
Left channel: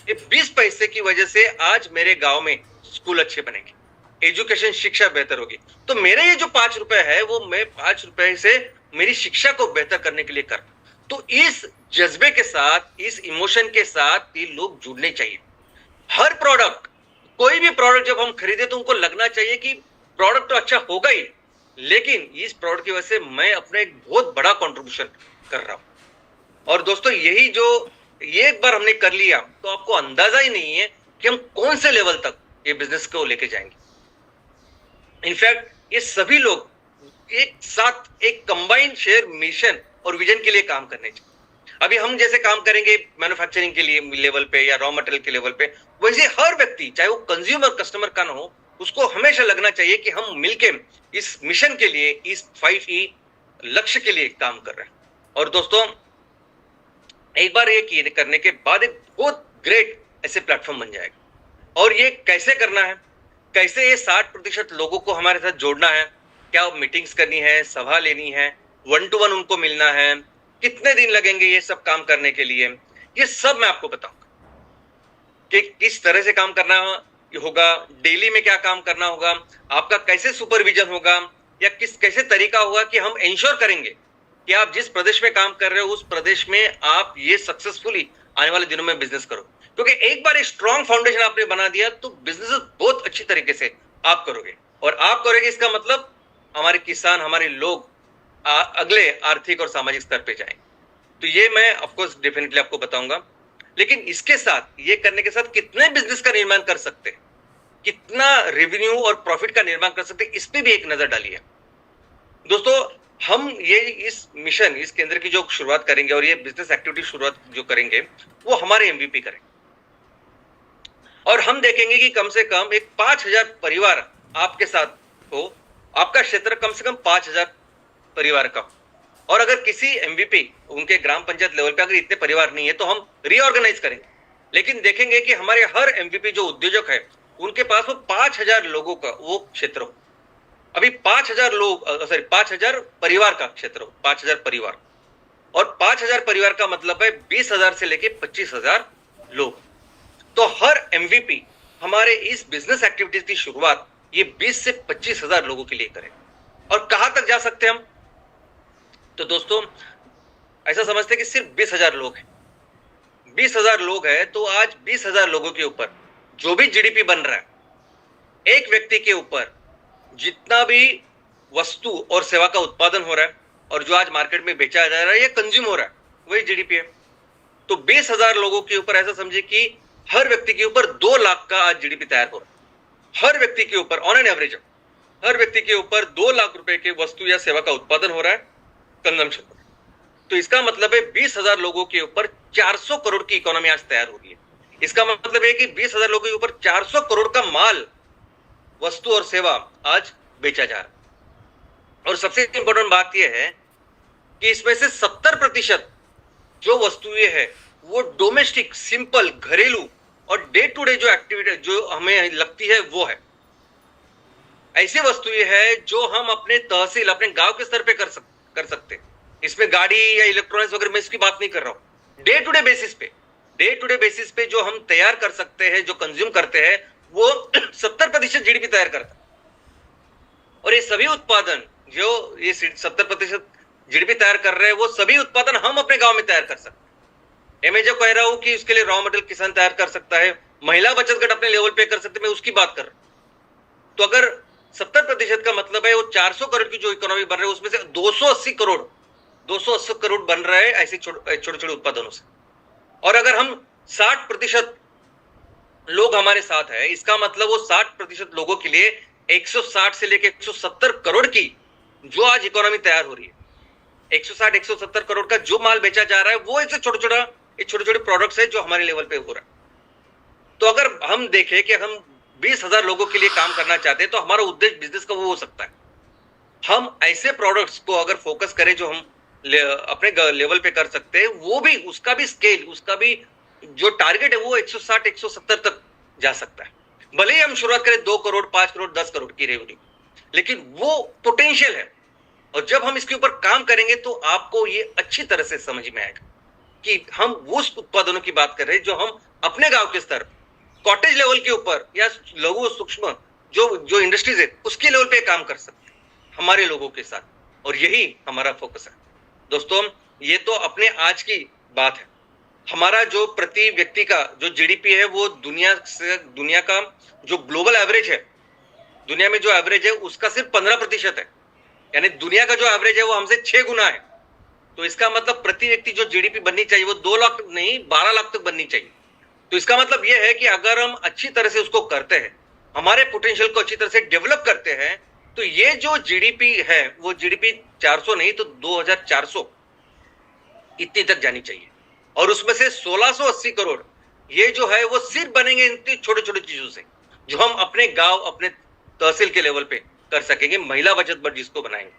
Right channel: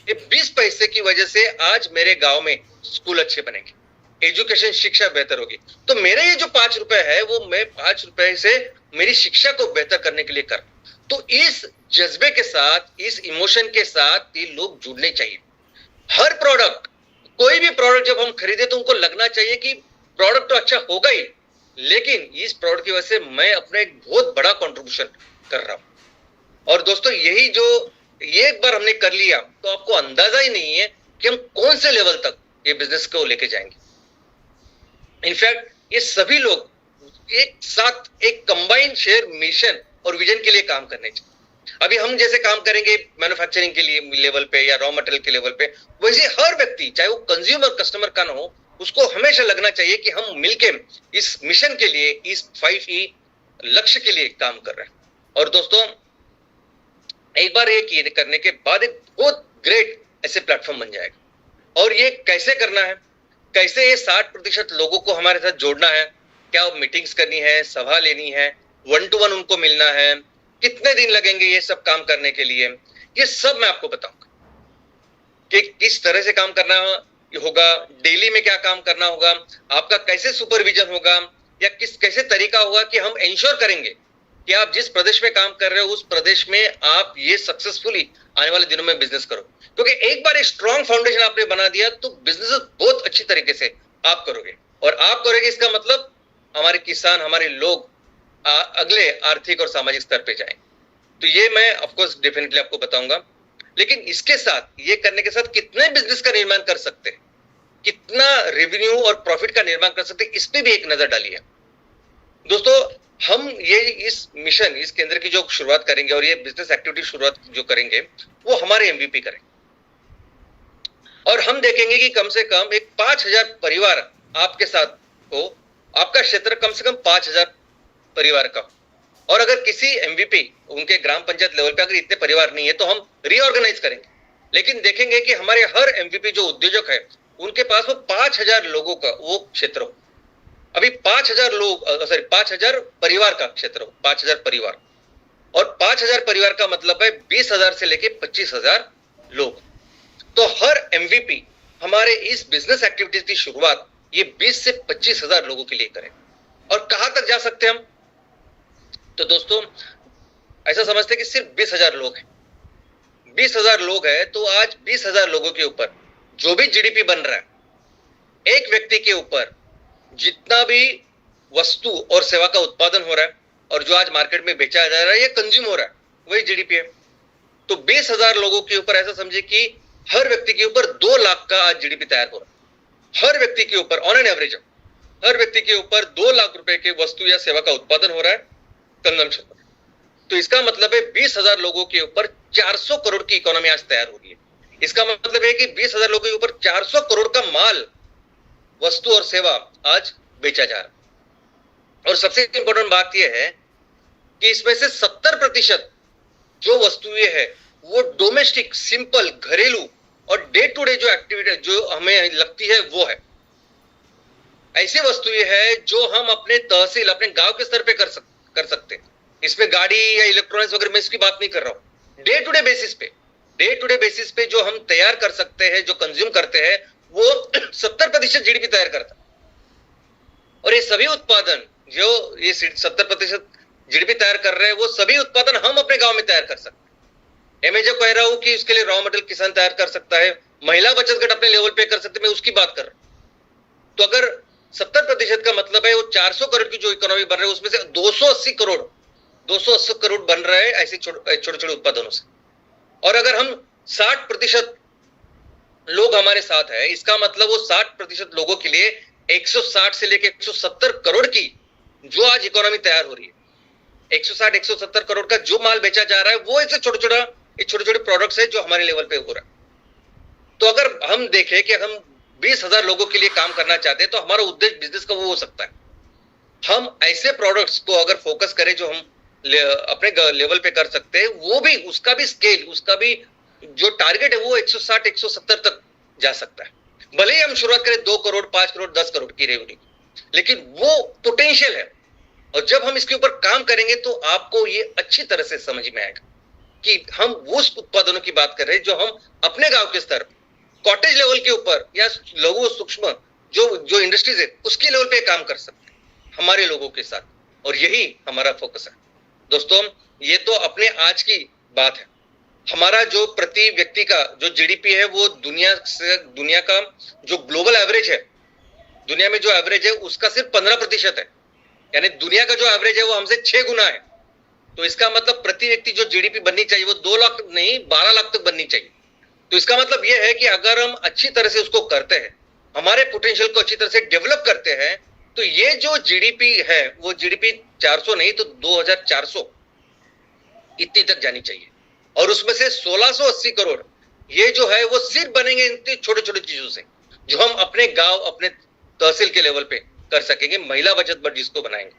ये 20 पैसे की वजह से आज मेरे गांव में स्कूल अच्छे बनेंगे, एजुकेशन शिक्षा बेहतर होगी। तो मेरे ये जो 5 रुपए है वो मैं 5 रुपए से मेरी शिक्षा को बेहतर करने के लिए कर, तो इस जज्बे के साथ, इस इमोशन के साथ ये लोग जुड़ने चाहिए। हर प्रोडक्ट, कोई भी प्रोडक्ट जब हम खरीदे तो उनको लगना चाहिए कि प्रोडक्ट तो अच्छा होगा ही, लेकिन इस प्रोडक्ट की वजह से मैं अपना एक बहुत बड़ा कंट्रीब्यूशन कर रहा हूं। और दोस्तों यही जो ये एक बार हमने कर लिया तो आपको अंदाजा ही नहीं है कि हम कौन से लेवल तक ये बिजनेस को लेके जाएंगे। इनफैक्ट ये सभी लोग एक साथ एक कंबाइंड शेयर मिशन और विजन के लिए काम करने चाहिए। अभी हम जैसे काम करेंगे मैन्युफैक्चरिंग के लिए लेवल पे या रॉ मटेरियल के लेवल पे, वैसे हर व्यक्ति चाहे वो कंज्यूमर कस्टमर का ना हो, उसको हमेशा लगना चाहिए कि हम मिलके इस मिशन के लिए, इस 5E लक्ष्य के लिए काम कर रहे हैं। और दोस्तों एक बार ये करने के बाद एक बहुत ग्रेट ऐसे प्लेटफॉर्म बन जाएगा। और ये कैसे करना है, कैसे ये 60% लोगों को हमारे साथ जोड़ना है, क्या मीटिंग्स करनी है, सभा लेनी है, 1 to 1 उनको मिलना है, कितने दिन लगेंगे ये सब काम करने के लिए, ये सब मैं आपको बताऊंगा कि किस तरह से काम करना होगा, डेली में क्या काम करना होगा, आपका कैसे सुपरविजन होगा, या कैसे तरीका होगा कि हम इंश्योर करेंगे कि आप जिस प्रदेश में काम कर रहे हो उस प्रदेश में आप ये सक्सेसफुली आने वाले दिनों में बिजनेस करो। क्योंकि एक बार एक स्ट्रॉन्ग फाउंडेशन आपने बना दिया तो बिजनेस बहुत अच्छी तरीके से आप करोगे, और आप करोगे इसका मतलब हमारे किसान, हमारे लोग अगले आर्थिक और सामाजिक स्तर पे जाएं। तो ये मैं ऑफकोर्स डेफिनेटली आपको बताऊंगा। लेकिन इसके साथ, ये करने के साथ कितने बिजनेस का निर्माण कर सकते हैं, कितना रेवेन्यू और प्रॉफिट का निर्माण कर सकते हैं, इस पे भी एक नजर डालिए। दोस्तों हम ये इस मिशन, इस केंद्र की जो शुरुआत करेंगे और ये बिजनेस एक्टिविटी शुरुआत जो करेंगे वो हमारे MVP करेंगे। और हम देखेंगे कि कम से कम एक 5000 परिवार आपके साथ हो, आपका क्षेत्र कम से कम 5000 परिवार का। और अगर किसी MVP उनके ग्राम पंचायत लेवल पे अगर इतने परिवार नहीं है तो हम रीऑर्गेनाइज करेंगे, लेकिन देखेंगे कि हमारे हर MVP जो उद्योजक है उनके पास वो 5000 लोगों का वो क्षेत्र हो। अभी 5000 लोग, सॉरी 5000 परिवार का क्षेत्र हो, 5000 परिवार, और 5000 परिवार का मतलब है 20,000 से लेके 25,000 लोग। तो हर MVP हमारे इस बिजनेस एक्टिविटीज की शुरुआत ये 20 से 25,000 लोगों के लिए करें। और कहां तक जा सकते हैं हम, तो दोस्तों ऐसा समझते हैं कि सिर्फ 20,000 लोग हैं, 20,000 लोग हैं, तो आज 20,000 लोगों के ऊपर जो भी GDP बन रहा है, एक व्यक्ति के ऊपर जितना भी वस्तु और सेवा का उत्पादन हो रहा है और जो आज मार्केट में बेचा जा रहा है या कंज्यूम हो रहा है, वही GDP है। तो 20,000 लोगों के ऊपर ऐसा समझे कि हर व्यक्ति के ऊपर 2 लाख का आज GDP तैयार हो रहा है। हर व्यक्ति के ऊपर ऑन एन एवरेज हर व्यक्ति के ऊपर 2 लाख रुपए के वस्तु या सेवा का उत्पादन हो रहा है कंजम्पशन पर। तो इसका मतलब है 20,000 लोगों के ऊपर 400 करोड़ की इकोनॉमी आज तैयार हो रही है। इसका मतलब है कि 20,000 लोगों के ऊपर 400 करोड़ का माल, वस्तु और सेवा आज बेचा जा रहा है। और सबसे इंपॉर्टेंट बात यह है कि इसमें से 70% जो वस्तुएं हैं वो डोमेस्टिक, सिंपल, घरेलू और डे टू डे जो एक्टिविटी जो हमें लगती है वो है। ऐसी वस्तुएं हैं जो हम अपने तहसील, अपने गांव के स्तर पे कर सकते हैं। इसमें गाड़ी या इलेक्ट्रॉनिक्स वगैरह मैं इसकी बात नहीं कर रहा हूं। डे टू डे बेसिस पे जो हम तैयार कर सकते हैं, जो कंज्यूम करते हैं, वो 70% GDP तैयार करता है। और ये सभी उत्पादन जो ये 70% GDP तैयार कर रहे हैं, वो सभी उत्पादन हम अपने गांव में तैयार कर सकते हैं। मैं जो कह रहा हूं कि उसके लिए रॉ मटेरियल किसान तैयार कर सकता है, महिला बचत गट अपने लेवल पे कर सकते, मैं उसकी बात कर रहा हूं। तो अगर 70% का मतलब है वो 400 करोड़ की जो इकोनॉमी बन रही है, उसमें से 280 करोड़ बन रहा है ऐसे छोटे छोटे उत्पादनों से। और अगर हम 60% लोग हमारे साथ है, इसका मतलब वो 60% लोगों के लिए 160 से लेकर 170 करोड़ की जो आज इकोनॉमी तैयार हो रही है, 160-170 करोड़ का जो माल बेचा जा रहा है, वो ऐसे छोटे छोटे प्रोडक्ट्स है जो हमारे लेवल पे हो रहा है। तो अगर हम देखें कि हम 20,000 लोगों के लिए काम करना चाहते हैं तो हमारा उद्देश्य बिजनेस का वो हो सकता है। हम ऐसे प्रोडक्ट्स को अगर फोकस करें जो हम अपने लेवल पे कर सकते हैं, वो भी उसका भी स्केल, उसका भी जो टारगेट है वो 160-170 तक जा सकता है। भले ही हम शुरुआत करें 2 करोड़, 5 करोड़, 10 करोड़ की रेवेन्यू, लेकिन वो पोटेंशियल है। और जब हम इसके ऊपर काम करेंगे तो आपको ये अच्छी तरह से समझ में आएगा कि हम उस उत्पादनों की बात कर रहे हैं जो हम अपने गांव के स्तर, कॉटेज लेवल के ऊपर या लघु सूक्ष्म जो इंडस्ट्रीज है उसके लेवल पे काम कर सकते हैं हमारे लोगों के साथ, और यही हमारा फोकस है। दोस्तों, ये तो अपने आज की बात है। हमारा जो प्रति व्यक्ति का जो जीडीपी है वो दुनिया का जो ग्लोबल एवरेज है, दुनिया में जो एवरेज है उसका सिर्फ 15% है। यानी दुनिया का जो एवरेज है वो हमसे 6 गुना है। तो इसका मतलब प्रति व्यक्ति जो जीडीपी बननी चाहिए वो 2 लाख नहीं 12 लाख तक बननी चाहिए। तो इसका मतलब ये है कि अगर हम अच्छी तरह से उसको करते हैं, हमारे पोटेंशियल को अच्छी तरह से डेवलप करते हैं, तो ये जो जीडीपी है वो जीडीपी 400 नहीं तो 2400 इतनी तक जानी चाहिए। और उसमें से 1680 करोड़ ये जो है वो सिर्फ बनेंगे इन छोटे छोटे चीजों से जो हम अपने गांव, अपने तहसील के लेवल पे कर सकेंगे, महिला बचत बट जिसको बनाएंगे।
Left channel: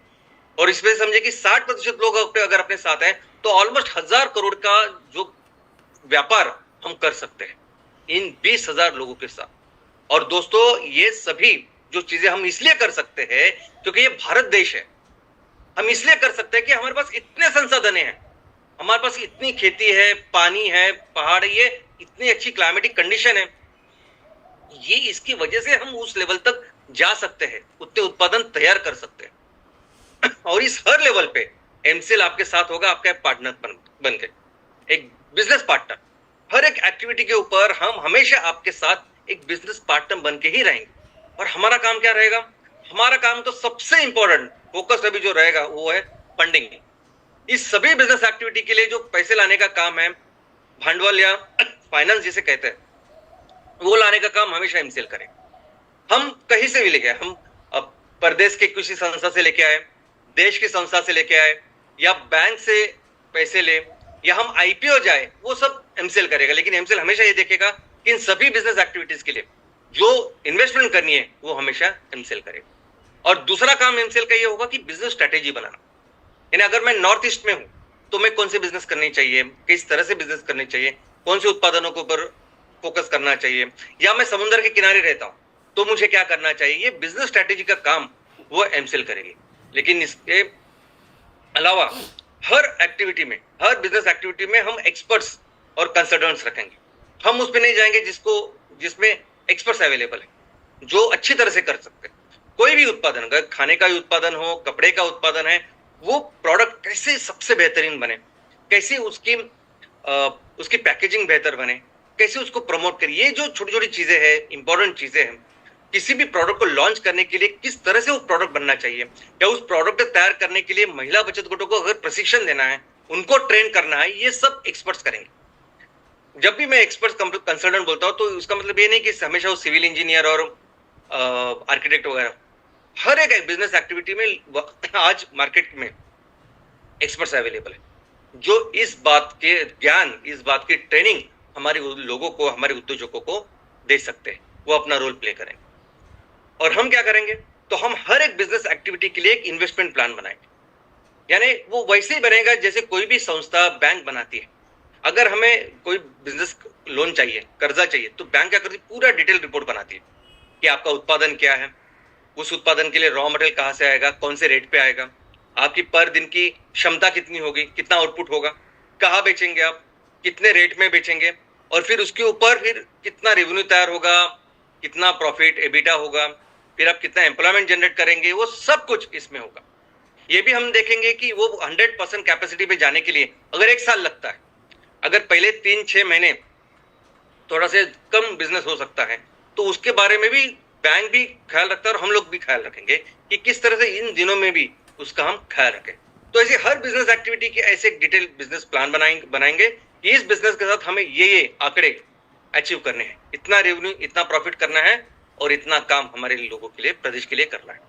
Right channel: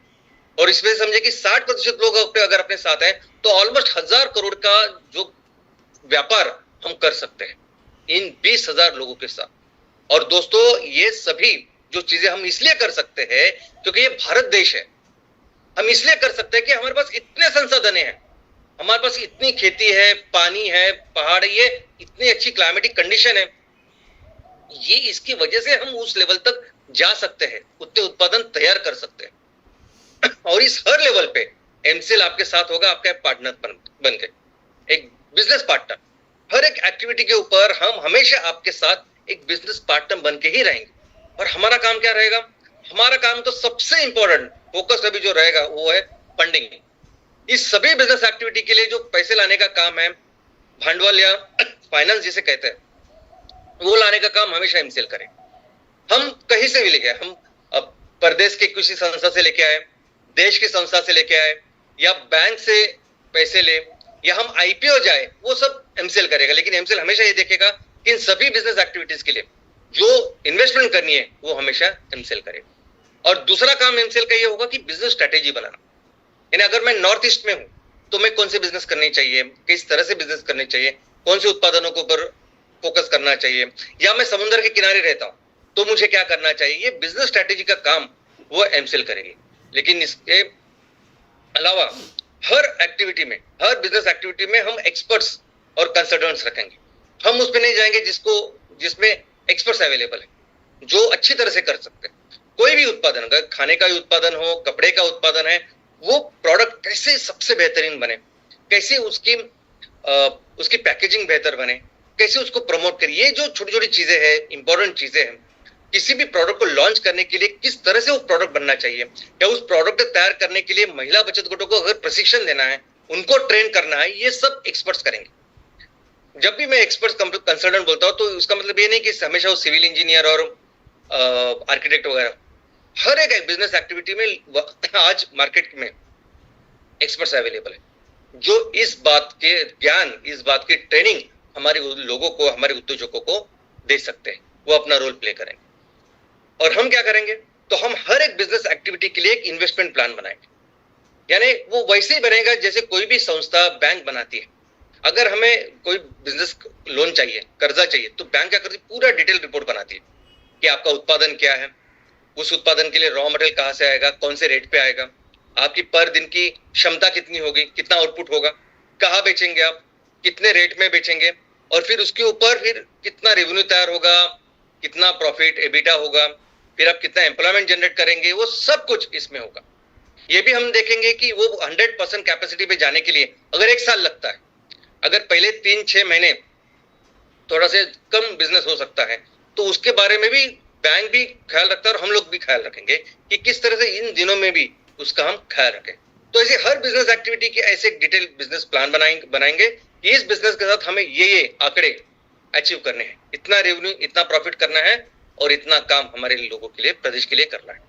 और इसमें समझे कि 60% लोग अगर अपने साथ हैं तो ऑलमोस्ट 1000 करोड़ का जो व्यापार हम कर सकते हैं इन 20,000 लोगों के साथ। और दोस्तों, ये सभी जो चीजें हम इसलिए कर सकते हैं क्योंकि ये भारत देश है। हम इसलिए कर सकते हैं कि हमारे पास इतने संसाधन हैं, हमारे पास इतनी खेती है, पानी है, पहाड़, ये इतनी अच्छी क्लाइमेटिक कंडीशन है, ये इसकी वजह से हम उस लेवल तक जा सकते हैं, उतने उत्पादन तैयार कर सकते हैं। और इस हर लेवल पे एमसीएल आपके साथ होगा, आपका पार्टनर बन के, एक बिजनेस पार्टनर। हर एक एक्टिविटी के ऊपर हम हमेशा आपके साथ एक बिजनेस पार्टनर बन के ही रहेंगे। और हमारा काम क्या रहेगा? हमारा काम तो सबसे इंपॉर्टेंट फोकस अभी जो रहेगा वो है फंडिंग। इस सभी बिजनेस एक्टिविटी के लिए जो पैसे लाने का काम है, भांडवल या फाइनेंस जिसे कहते हैं, वो लाने का काम हमेशा एमसीएल करे। हम कहीं से भी लेके आए, हम प्रदेश के किसी संस्था से लेके आए, देश की संस्था से लेके आए, या बैंक से पैसे ले, या हम आईपीओ जाए, वो सब एमसीएल करेगा। लेकिन एमसीएल हमेशा ये देखेगा कि इन सभी बिजनेस एक्टिविटीज के लिए जो इन्वेस्टमेंट करनी है वो हमेशा एमसीएल करेगा। और दूसरा काम एमसीएल का ये होगा कि बिजनेस स्ट्रेटेजी बनाना। यानी अगर मैं नॉर्थ ईस्ट में हूं तो मैं कौन से बिजनेस करनी चाहिए, किस तरह से बिजनेस करनी चाहिए, कौन से उत्पादनों के ऊपर फोकस करना चाहिए, या मैं समुद्र के किनारे रहता हूं तो मुझे क्या करना चाहिए, ये बिजनेस स्ट्रेटेजी का काम वो एमसीएल करेगी। लेकिन इसके अलावा हर एक्टिविटी में, हर बिजनेस एक्टिविटी में हम एक्सपर्ट्स और कंसल्टेंट्स रखेंगे। हम उस पर नहीं जाएंगे जिसमें एक्सपर्ट्स अवेलेबल है, जो अच्छी तरह से कर सकते हैं। कोई भी उत्पादन, अगर खाने का उत्पादन हो, कपड़े का उत्पादन है, वो प्रोडक्ट कैसे सबसे बेहतरीन बने, कैसे उसकी पैकेजिंग बेहतर बने, कैसे उसको प्रमोट करिए, ये जो छोटी छोटी चीजें हैं, इंपॉर्टेंट चीजें हैं। किसी भी प्रोडक्ट को लॉन्च करने के लिए किस तरह से वो प्रोडक्ट बनना चाहिए, या उस प्रोडक्ट तैयार करने के लिए महिला बचत गटों को अगर प्रशिक्षण देना है, उनको ट्रेन करना है, ये सब एक्सपर्ट्स करेंगे। जब भी मैं एक्सपर्ट कंसल्टेंट बोलता हूं तो उसका मतलब ये नहीं कि हमेशा वो सिविल इंजीनियर और आर्किटेक्ट वगैरह, हर एक बिजनेस एक्टिविटी में आज मार्केट में एक्सपर्ट्स अवेलेबल है जो इस बात के ज्ञान, इस बात की ट्रेनिंग हमारे लोगों को, हमारे उद्योजकों को दे सकते हैं। वो अपना रोल प्ले करेंगे। और हम क्या करेंगे, तो हम हर एक बिजनेस एक्टिविटी के लिए एक इन्वेस्टमेंट प्लान बनाएंगे। यानी वो वैसे ही बनेगा जैसे कोई भी संस्था, बैंक बनाती है। अगर हमें कोई बिजनेस लोन चाहिए, कर्जा चाहिए, तो बैंक क्या करती है, पूरा डिटेल रिपोर्ट बनाती है कि आपका उत्पादन क्या है, उस उत्पादन के लिए रॉ मटेरियल कहाँ से आएगा, कौन से रेट पे आएगा, आपकी पर दिन की क्षमता कितनी होगी, कितना आउटपुट होगा, कहाँ बेचेंगे आप, कितने रेट में बेचेंगे, और फिर उसके ऊपर फिर कितना रेवेन्यू तैयार होगा, कितना प्रॉफिट एबिटा होगा, फिर आप कितना एम्प्लॉयमेंट जनरेट करेंगे, वो सब कुछ इसमें होगा। ये भी हम देखेंगे कि वो 100% कैपेसिटी पे जाने के लिए अगर 1 साल लगता है, अगर पहले 3-6 महीने थोड़ा से कम बिजनेस हो सकता है, तो उसके बारे में भी बैंक भी ख्याल रखता है और हम लोग भी ख्याल रखेंगे कि किस तरह से इन दिनों में भी उसका हम ख्याल रखें। तो ऐसे हर बिजनेस एक्टिविटी के ऐसे डिटेल बिजनेस प्लान बनाएंगे कि इस बिजनेस के साथ हमें ये आंकड़े अचीव करने हैं, इतना रेवेन्यू, इतना प्रॉफिट करना है और इतना काम हमारे लोगों के लिए, प्रदेश के लिए करना है।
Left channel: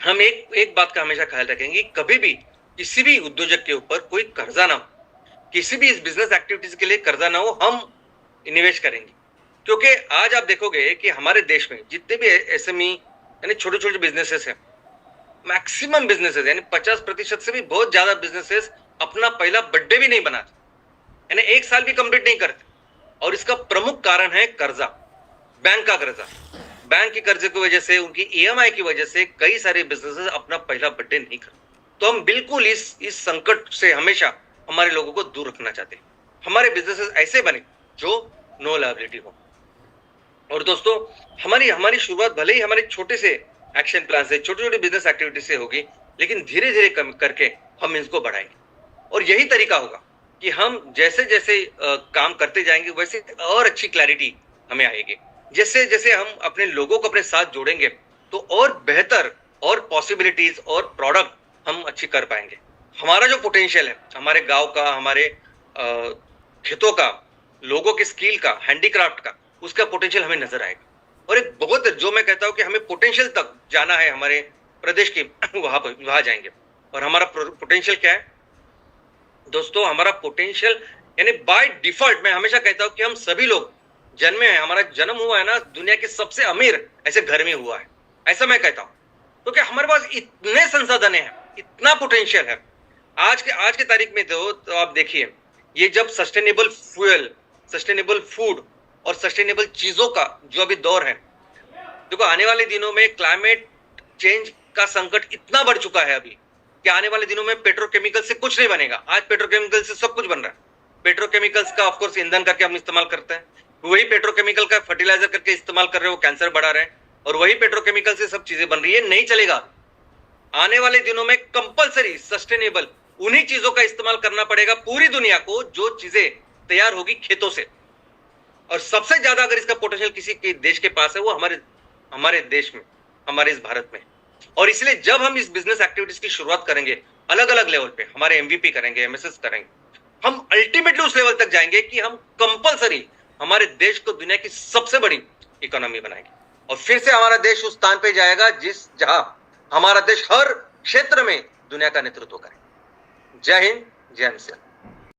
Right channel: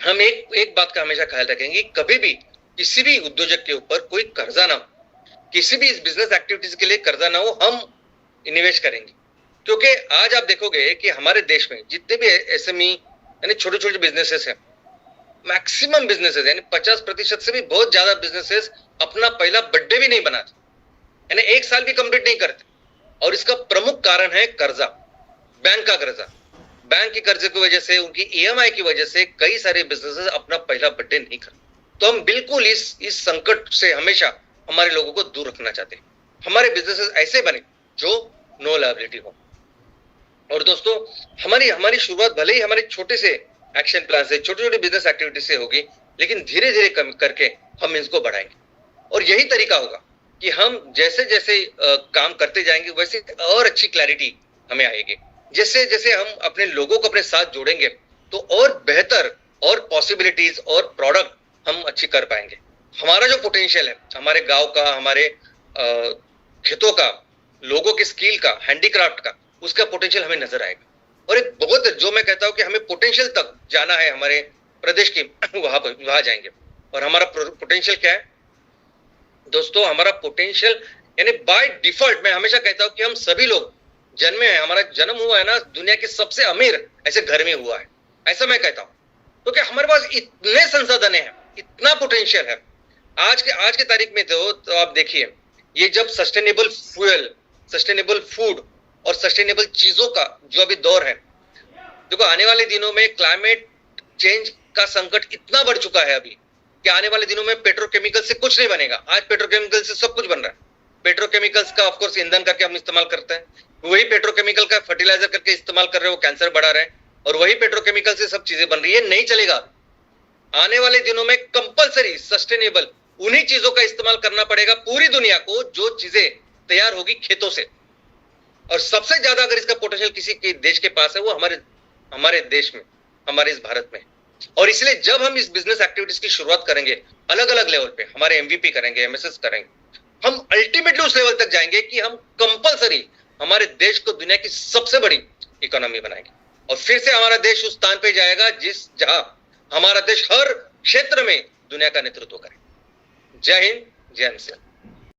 हम एक बात का हमेशा ख्याल रखेंगे, कभी भी किसी भी उद्योजक के ऊपर कोई कर्जा ना हो, किसी भी इस बिजनेस एक्टिविटीज के लिए कर्जा ना हो, हम निवेश करेंगे। क्योंकि आज आप देखोगे कि हमारे देश में जितने भी एसएमई यानी छोटे छोटे बिजनेसेस हैं, मैक्सिमम बिजनेसेस यानी 50% से भी बहुत ज्यादा बिजनेसेस अपना पहला बर्थडे भी नहीं बनाते, यानी 1 साल भी कंप्लीट नहीं करते। और इसका प्रमुख कारण है कर्जा, बैंक का कर्जा। बैंक के कर्जे की वजह से, उनकी ईएमआई की वजह से कई सारे बिजनेसेस अपना पहला बर्थडे नहीं करते। तो हम बिल्कुल इस संकट से हमेशा हमारे लोगों को दूर रखना चाहते हैं। हमारे बिजनेसेस ऐसे बने जो नो लायबिलिटी हो। और दोस्तों, हमारी शुरुआत भले ही हमारे छोटे से एक्शन प्लान से, छोटे छोटे बिजनेस एक्टिविटी से होगी, लेकिन धीरे धीरे कम करके हम इसको बढ़ाएंगे। और यही तरीका होगा कि हम जैसे जैसे काम करते जाएंगे वैसे और अच्छी क्लैरिटी हमें आएगी। जैसे जैसे हम अपने लोगों को अपने साथ जोड़ेंगे तो और बेहतर और पॉसिबिलिटीज और प्रोडक्ट हम अच्छी कर पाएंगे। हमारा जो पोटेंशियल है, हमारे गांव का, हमारे खेतों का, लोगों के स्किल का, हैंडीक्राफ्ट का, उसका पोटेंशियल हमें नजर आएगा। और एक बहुत, जो मैं कहता हूं कि हमें पोटेंशियल तक जाना है हमारे प्रदेश के, वहां जाएंगे। और हमारा पोटेंशियल क्या है दोस्तों? हमारा पोटेंशियल यानी बाय डिफॉल्ट मैं हमेशा कहता हूं कि हम सभी लोग जन्मे हैं, हमारा जन्म हुआ है ना दुनिया के सबसे अमीर ऐसे घर में हुआ है, ऐसा मैं कहता हूं। तो क्या हमारे पास इतने संसाधन हैं, इतना पोटेंशियल है। आज के तारीख में तो आप देखिए, ये जब सस्टेनेबल फ्यूल, सस्टेनेबल फूड और सस्टेनेबल चीजों का जो अभी दौर है, देखो आने वाले दिनों में क्लाइमेट चेंज का संकट इतना बढ़ चुका है अभी कि आने वाले दिनों में पेट्रोकेमिकल से कुछ नहीं बनेगा। आज पेट्रोकेमिकल से सब कुछ बन रहा है। पेट्रोकेमिकल्स का ऑफ कोर्स ईंधन करके हम इस्तेमाल करते हैं, वही पेट्रोकेमिकल का फर्टिलाइजर करके इस्तेमाल कर रहे हो, कैंसर बढ़ा रहे हैं, और वही पेट्रोकेमिकल से सब चीजें बन रही है। नहीं चलेगा। आने वाले दिनों में कंपलसरी सस्टेनेबल उन्हीं चीजों का इस्तेमाल करना पड़ेगा पूरी दुनिया को जो चीजें तैयार होगी खेतों से। और सबसे ज्यादा अगर इसका पोटेंशियल किसी के देश के पास है वो हमारे देश में, हमारे इस भारत में। और इसलिए जब हम इस बिजनेस एक्टिविटीज की शुरुआत करेंगे अलग अलग लेवल पे, हमारे एमवीपी करेंगे, एमएसएस करेंगे, हम अल्टीमेटली उस लेवल तक जाएंगे कि हम कंपलसरी हमारे देश को दुनिया की सबसे बड़ी इकोनॉमी बनाएंगे। और फिर से हमारा देश उस स्थान पे जाएगा जहां हमारा देश हर क्षेत्र में दुनिया का नेतृत्व करे। जय हिंद, जय हिंद।